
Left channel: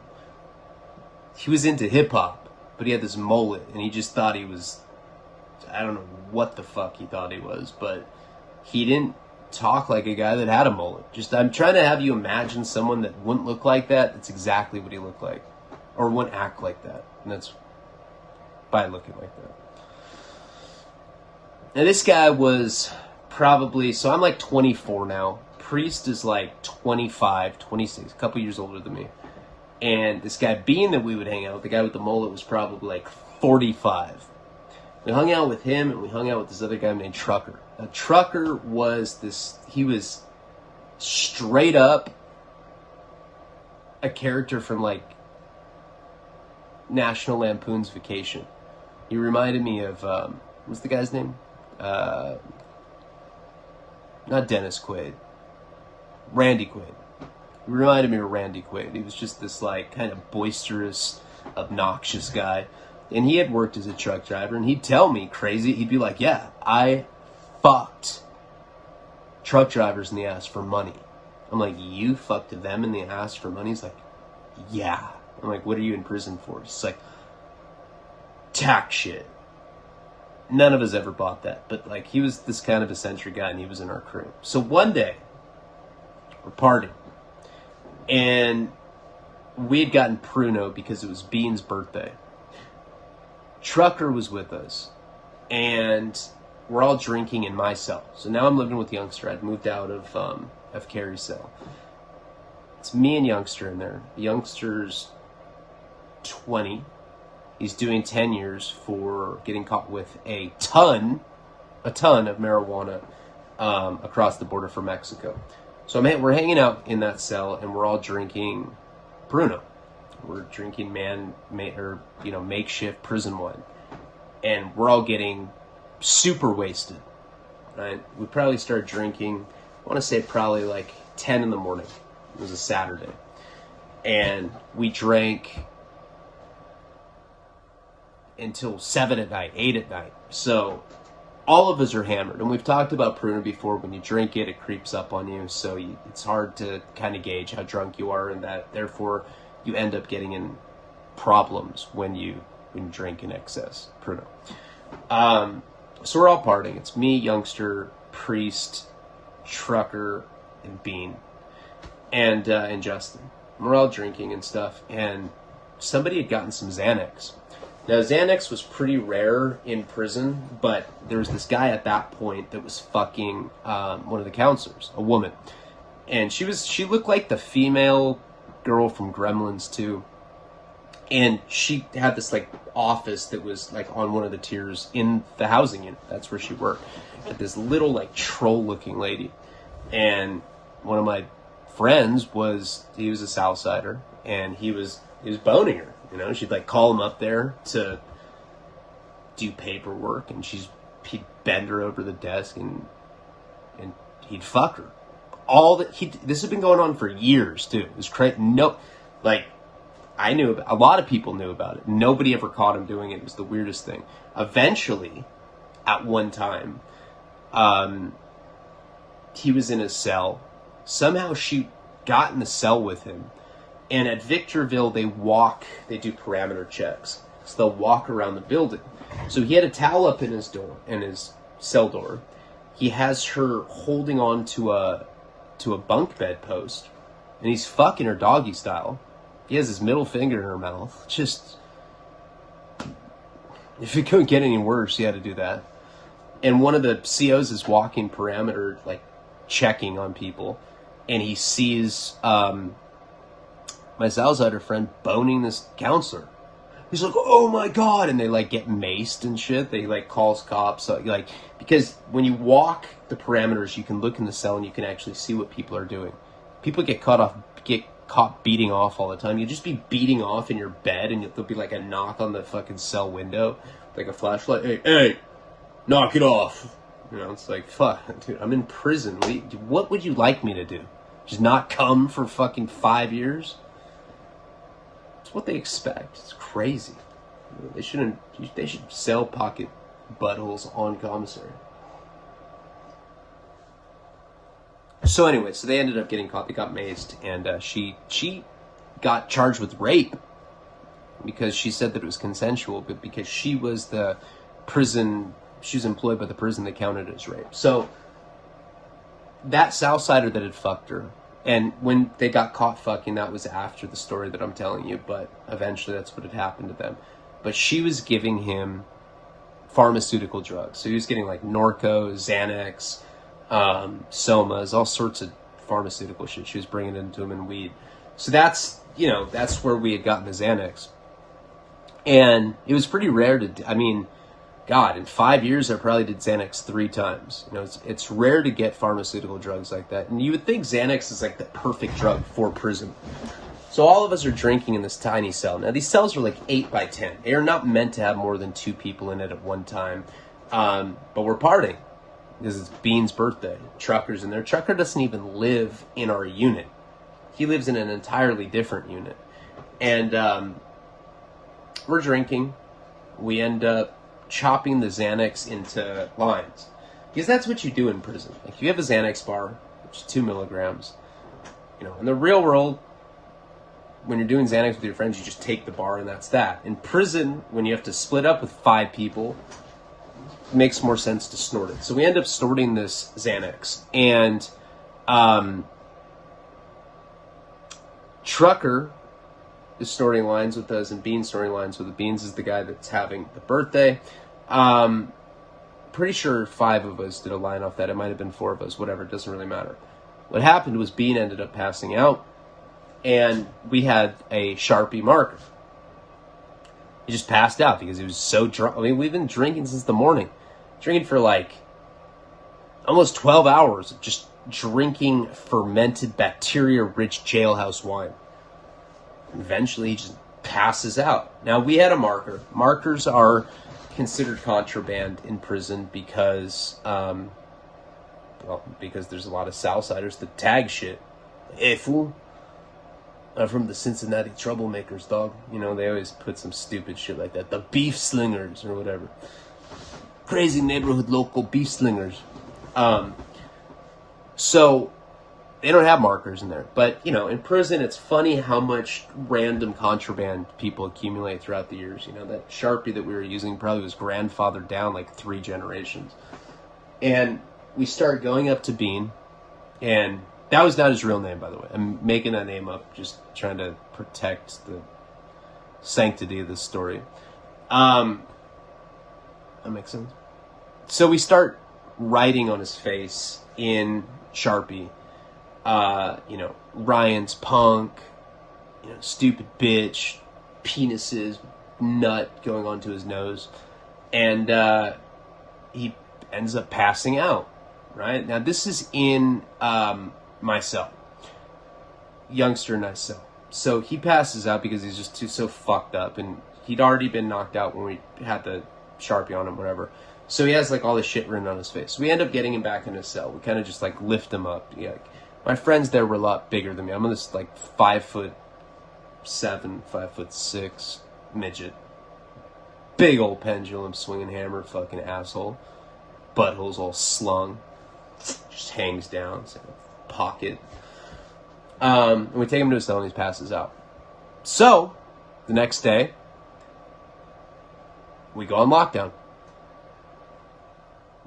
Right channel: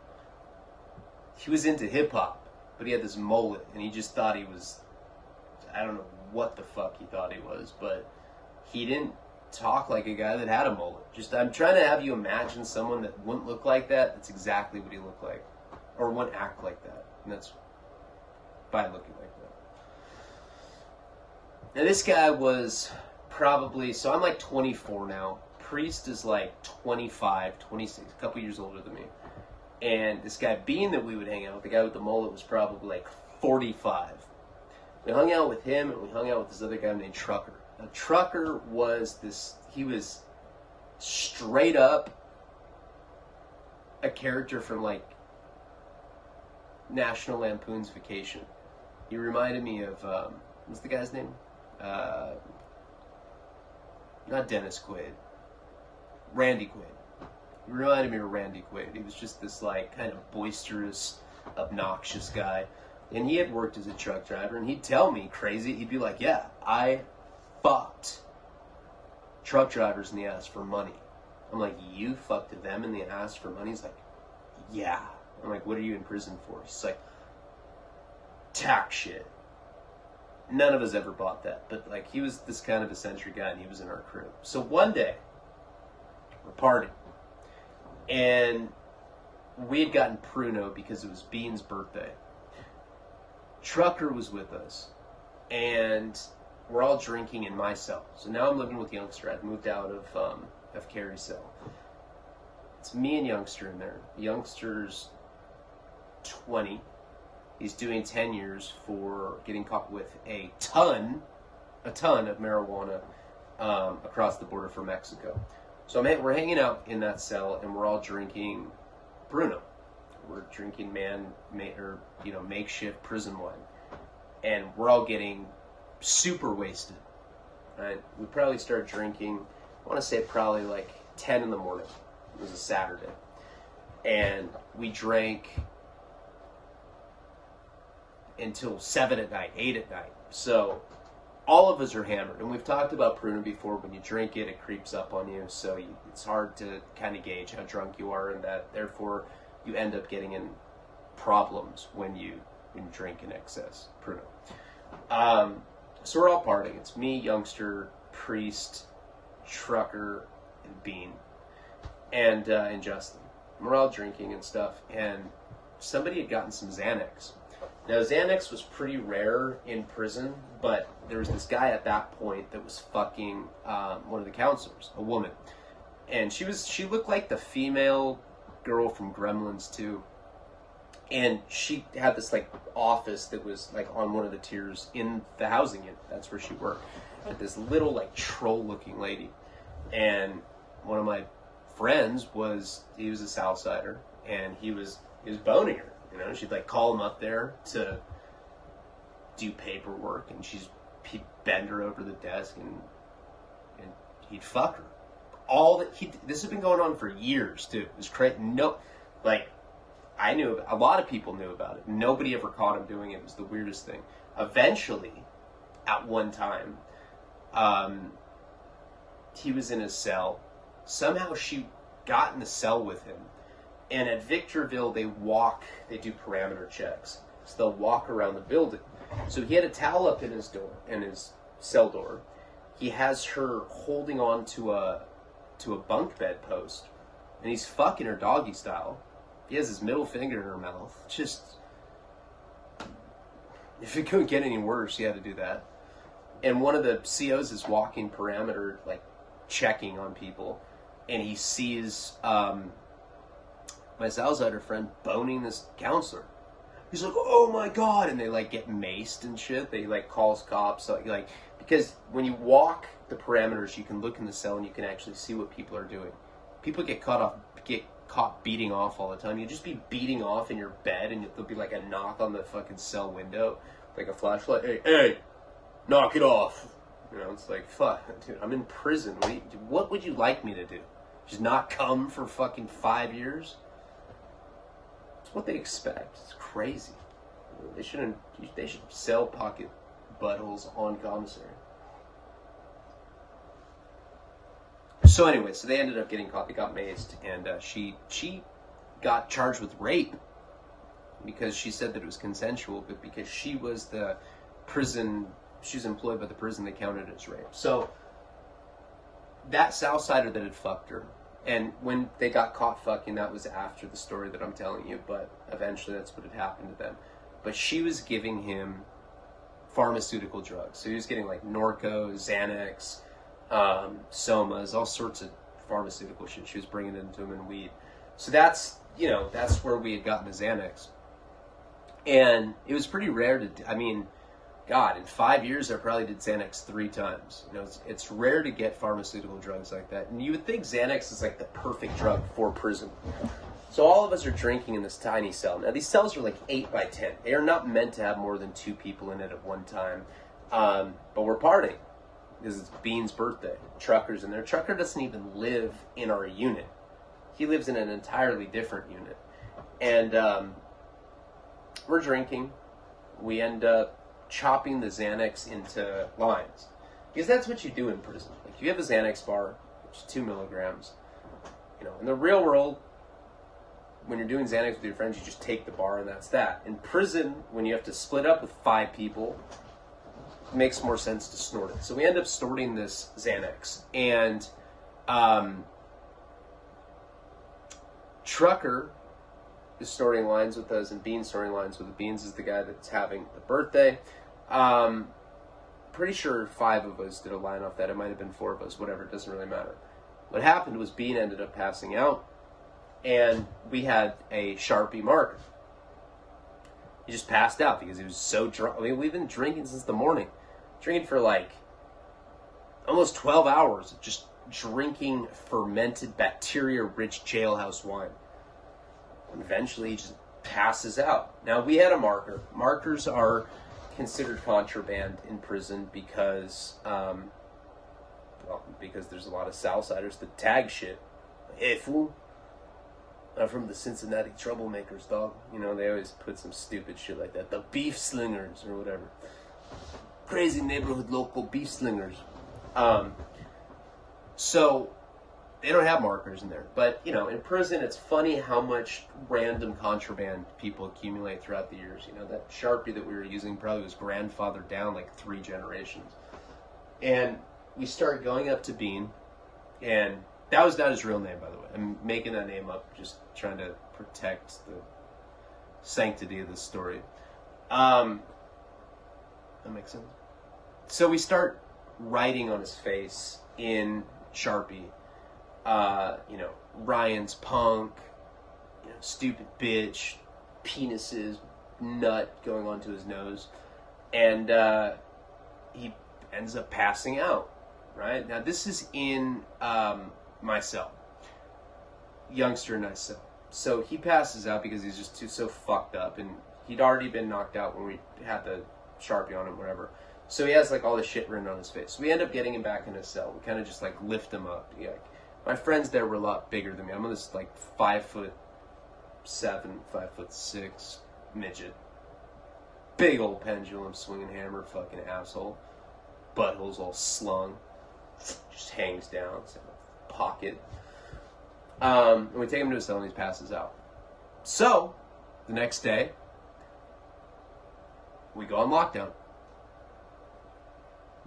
he was into hip-hop, but he had this mullet, and he just thought he was, I don't know what the fuck he thought he was, but he didn't talk like a guy that had a mullet. Just, I'm trying to have you imagine someone that wouldn't look like that. That's exactly what he looked like. Or wouldn't act like that. And that's by looking like that. Now this guy was probably, so I'm like 24 now. Priest is like 25, 26, a couple years older than me. And this guy Bean that we would hang out with, the guy with the mullet, was probably like 45. We hung out with him, and we hung out with this other guy named Trucker. Now, Trucker was he was straight up a character from like National Lampoon's Vacation. He reminded me of, what's the guy's name? Not Dennis Quaid. Randy Quaid. He reminded me of Randy Quaid. He was just this like kind of boisterous, obnoxious guy. And he had worked as a truck driver, and he'd tell me crazy. He'd be like, yeah, I fucked truck drivers in the ass for money. I'm like, you fucked them in the ass for money? He's like, yeah. I'm like, what are you in prison for? He's like, tax shit. None of us ever bought that. But like, he was this kind of eccentric guy, and he was in our crew. So one day, we're partying. And we had gotten Pruno because it was Bean's birthday. Trucker was with us, and we're all drinking in my cell. So now I'm living with Youngster. I'd moved out of Carrie's cell. It's me and Youngster in there. Youngster's 20. He's doing 10 years for getting caught with a ton of marijuana across the border from Mexico. So we're hanging out in that cell, and we're all drinking Bruno. We're drinking makeshift prison wine, and we're all getting super wasted. Right? We probably started drinking, I want to say probably like 10 in the morning. It was a Saturday, and we drank until 7 at night, 8 at night. So all of us are hammered, and we've talked about Pruno before. When you drink it, it creeps up on you, so it's hard to kind of gauge how drunk you are, and that therefore you end up getting in problems when you drink in excess. Pruno. So we're all partying. It's me, Youngster, Priest, Trucker, and Bean, and Justin. And we're all drinking and stuff, and somebody had gotten some Xanax. Now, Xanax was pretty rare in prison, but there was this guy at that point that was fucking one of the counselors, a woman. And she looked like the female girl from Gremlins 2. And she had this like office that was like on one of the tiers in the housing unit. That's where she worked. And this little like troll looking lady. And one of my friends he was a Southsider, and he was boning her. You know, she'd like call him up there to do paperwork, and he'd bend her over the desk, and he'd fuck her. This had been going on for years too. It was crazy. No, like I knew about, a lot of people knew about it. Nobody ever caught him doing it. It was the weirdest thing. Eventually, at one time, he was in his cell. Somehow she got in the cell with him. And at Victorville, they do parameter checks. So they'll walk around the building. So he had a towel up in his cell door. He has her holding on to a bunk bed post, and he's fucking her doggy style. He has his middle finger in her mouth. Just, if it couldn't get any worse, he had to do that. And one of the COs is walking parameter, like checking on people, and he sees my Southsider friend boning this counselor. He's like, oh my God. And they like get maced and shit. They like calls cops. So, like, because when you walk the parameters, you can look in the cell and you can actually see what people are doing. People get caught beating off all the time. You'll just be beating off in your bed, and there'll be like a knock on the fucking cell window, like a flashlight. Hey, knock it off. You know, it's like, fuck, dude, I'm in prison. What would you like me to do? Just not come for fucking 5 years? It's what they expect. It's crazy. They should sell pocket buttholes on commissary. So anyway, so they ended up getting caught. They got maced, and she got charged with rape. because she said that it was consensual, but because she was employed by the prison that counted as rape. So that Southsider that had fucked her, and when they got caught fucking, that was after the story that I'm telling you, but eventually that's what had happened to them. But she was giving him pharmaceutical drugs. So he was getting like Norco, Xanax, Somas, all sorts of pharmaceutical shit. She was bringing it into him in weed. So that's, that's where we had gotten the Xanax. And it was pretty rare God, in 5 years I probably did Xanax 3 times. It's rare to get pharmaceutical drugs like that. And you would think Xanax is like the perfect drug for prison. So all of us are drinking in this tiny cell. Now these cells are like 8 by 10. They are not meant to have more than 2 people in it at one time. But we're partying because it's Bean's birthday. Trucker's in there. Trucker doesn't even live in our unit. He lives in an entirely different unit. And we're drinking. We end up chopping the Xanax into lines. Because that's what you do in prison. Like, you have a Xanax bar, which is 2 milligrams. In the real world, when you're doing Xanax with your friends, you just take the bar and that's that. In prison, when you have to split up with 5 people, it makes more sense to snort it. So we end up snorting this Xanax. And Trucker is snorting lines with us, and Bean's snorting lines with us. Beans is the guy that's having the birthday. Pretty sure 5 of us did a line off that. It might have been 4 of us, whatever, it doesn't really matter. What happened was Bean ended up passing out, and we had a Sharpie marker. He just passed out because he was so drunk. We've been drinking since the morning. Drinking for like almost 12 hours, just drinking fermented, bacteria-rich jailhouse wine. Eventually, he just passes out. Now, we had a marker. Markers are considered contraband in prison because, because there's a lot of Southsiders that tag shit. Hey, fool. I'm from the Cincinnati Troublemakers, dog. They always put some stupid shit like that. The Beef Slingers or whatever. Crazy neighborhood local beef slingers. So they don't have markers in there. But, in prison, it's funny how much random contraband people accumulate throughout the years. That Sharpie that we were using probably was grandfathered down like 3 generations. And we start going up to Bean, and that was not his real name, by the way. I'm making that name up, just trying to protect the sanctity of this story. That makes sense. So we start writing on his face in Sharpie, Ryan's punk, stupid bitch, penises, nut going onto his nose. And he ends up passing out, right? Now, this is in my cell. Youngster in my cell. So he passes out because he's just so fucked up. And he'd already been knocked out when we had the Sharpie on him, whatever. So he has, all this shit written on his face. So we end up getting him back in his cell. We kind of just, lift him up. My friends there were a lot bigger than me. I'm this, 5'7", 5'6" midget. Big old pendulum swinging hammer fucking asshole. Butthole's all slung. Just hangs down. It's like a pocket. And we take him to his cell and he passes out. So, the next day, we go on lockdown.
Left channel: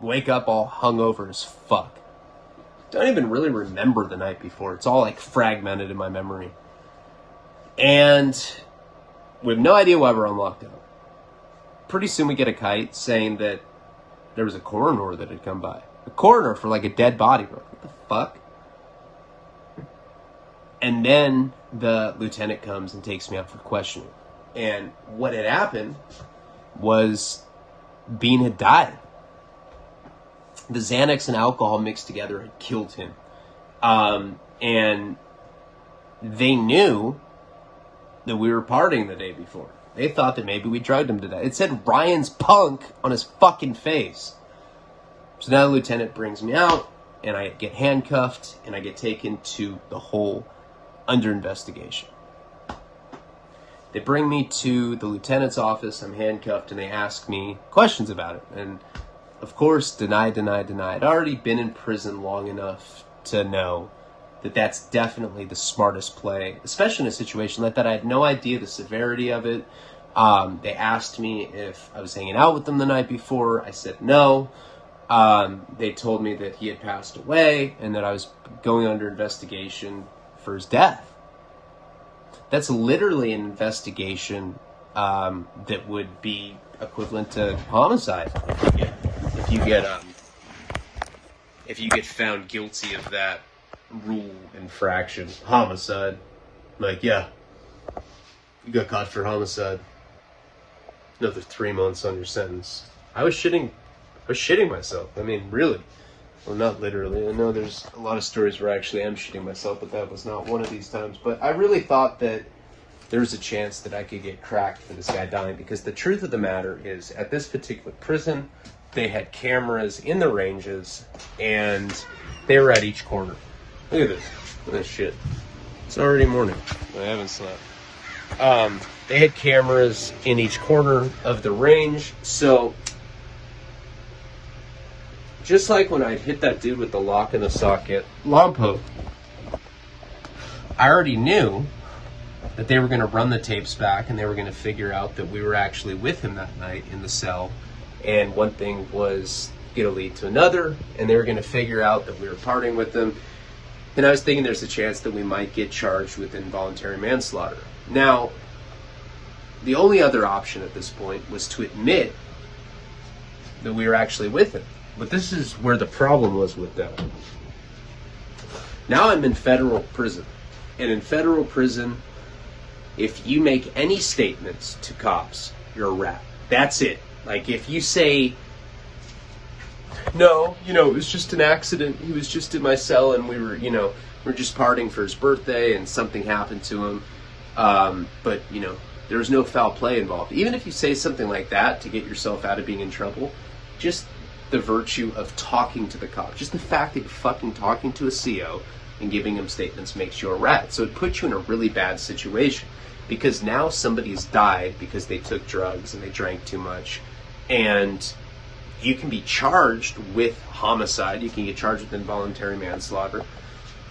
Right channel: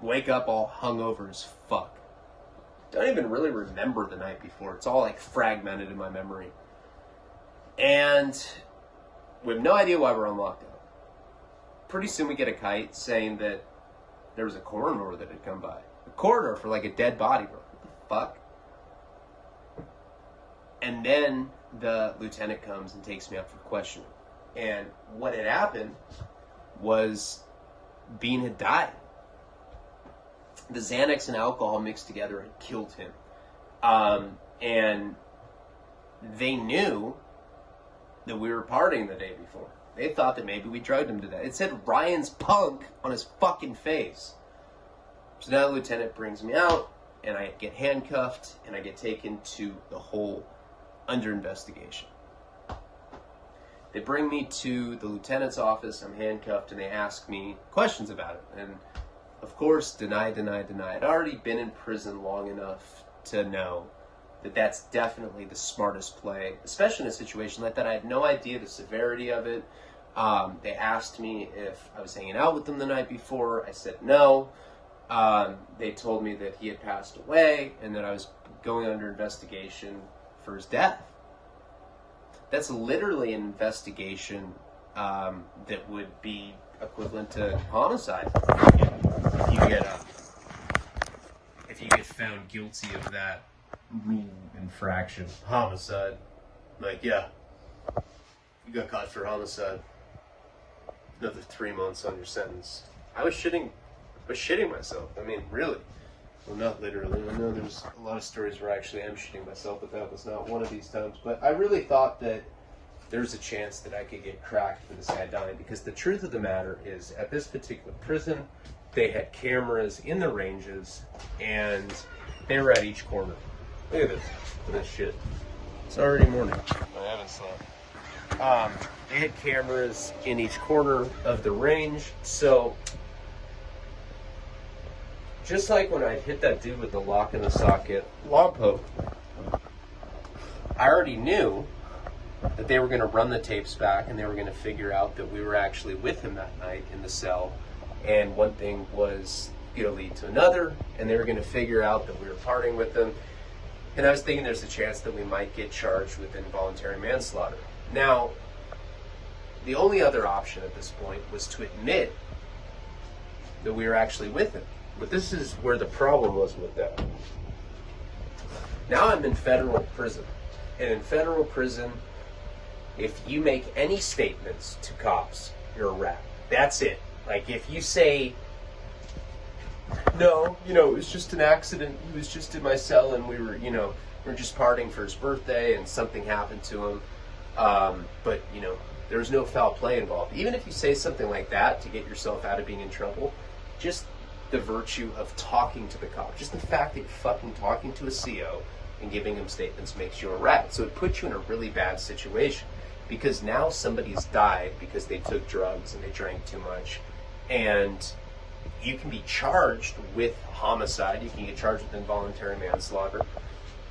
Wake up all hungover as fuck. Don't even really remember the night before. It's all fragmented in my memory. And we have no idea why we're on lockdown. Pretty soon we get a kite saying that there was a coroner that had come by. A coroner for a dead body. Bro. What the fuck? And then the lieutenant comes and takes me out for questioning. And what had happened was Bean had died. The Xanax and alcohol mixed together had killed him. And they knew that we were partying the day before. They thought that maybe we drugged him to death. It said Ryan's punk on his fucking face. So now the lieutenant brings me out, and I get handcuffed, and I get taken to the hole under investigation. They bring me to the lieutenant's office. I'm handcuffed, and they ask me questions about it. And of course, deny. I'd already been in prison long enough to know that that's definitely the smartest play, especially in a situation like that. I had no idea the severity of it. They asked me if I was hanging out with them the night before. I said no. They told me that he had passed away and that I was going under investigation for his death. That's literally an investigation that would be equivalent to homicide if you get found guilty of that rule infraction. Homicide, like, yeah, you got caught for homicide, another 3 months on your sentence. I was shitting myself. I mean, really. Well, not literally. I know there's a lot of stories where I actually am shitting myself, but that was not one of these times. But I really thought that there was a chance that I could get cracked for this guy dying, because the truth of the matter is, at this particular prison, they had cameras in the ranges, and they were at each corner. Look at this. Look at this shit. It's already morning. I haven't slept. They had cameras in each corner of the range, so just like when I hit that dude with the lock in the socket Lompo, I already knew that they were going to run the tapes back and they were going to figure out that we were actually with him that night in the cell. And one thing was going to lead to another, and they were going to figure out that we were partying with them. And I was thinking there's a chance that we might get charged with involuntary manslaughter. Now, the only other option at this point was to admit that we were actually with him. But this is where the problem was with that. Now I'm in federal prison. And in federal prison, if you make any statements to cops, you're a rat. That's it. Like, if you say, no, it was just an accident. He was just in my cell and we were just partying for his birthday and something happened to him. But, there was no foul play involved. Even if you say something like that to get yourself out of being in trouble, just the virtue of talking to the cop, just the fact that you're fucking talking to a CO and giving him statements makes you a rat. So it puts you in a really bad situation, because now somebody's died because they took drugs and they drank too much, and you can be charged with homicide. You can get charged with involuntary manslaughter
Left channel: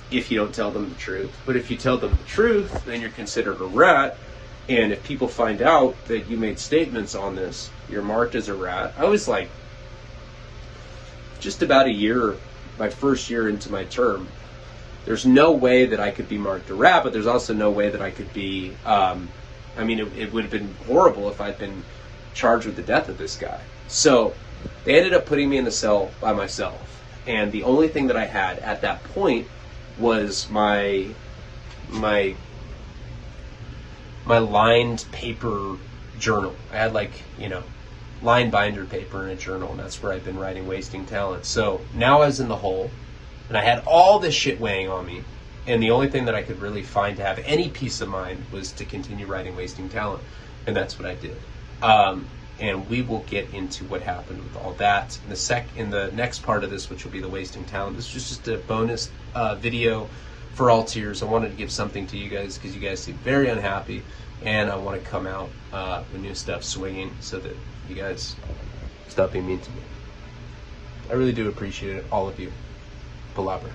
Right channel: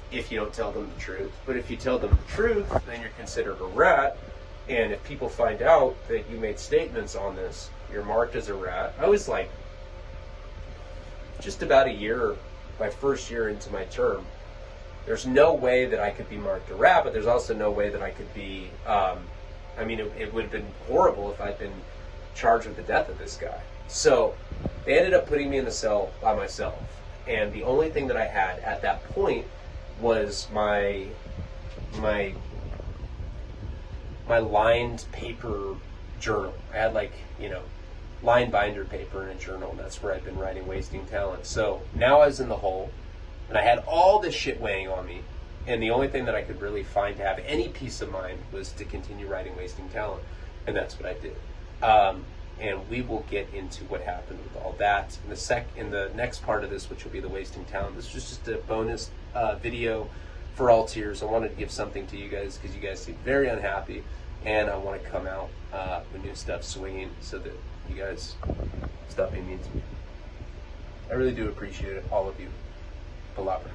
if you don't tell them the truth. But if you tell them the truth, then you're considered a rat. And if people find out that you made statements on this, you're marked as a rat. I was like, just about a year, my first year into my term, there's no way that I could be marked a rat, but there's also no way that I could be, it would have been horrible if I'd been charged with the death of this guy. So they ended up putting me in the cell by myself. And the only thing that I had at that point was my lined paper journal. I had line binder paper in a journal, and that's where I've been writing Wasting Talent. So now I was in the hole, and I had all this shit weighing on me, and the only thing that I could really find to have any peace of mind was to continue writing Wasting Talent, and that's what I did. And we will get into what happened with all that in the next part of this, which will be the Wasting Talent. This is just a bonus video for all tiers. I wanted to give something to you guys because you guys seem very unhappy, and I want to come out with new stuff swinging so that you guys stop being mean to me. I really do appreciate it, all of you. PALABRA.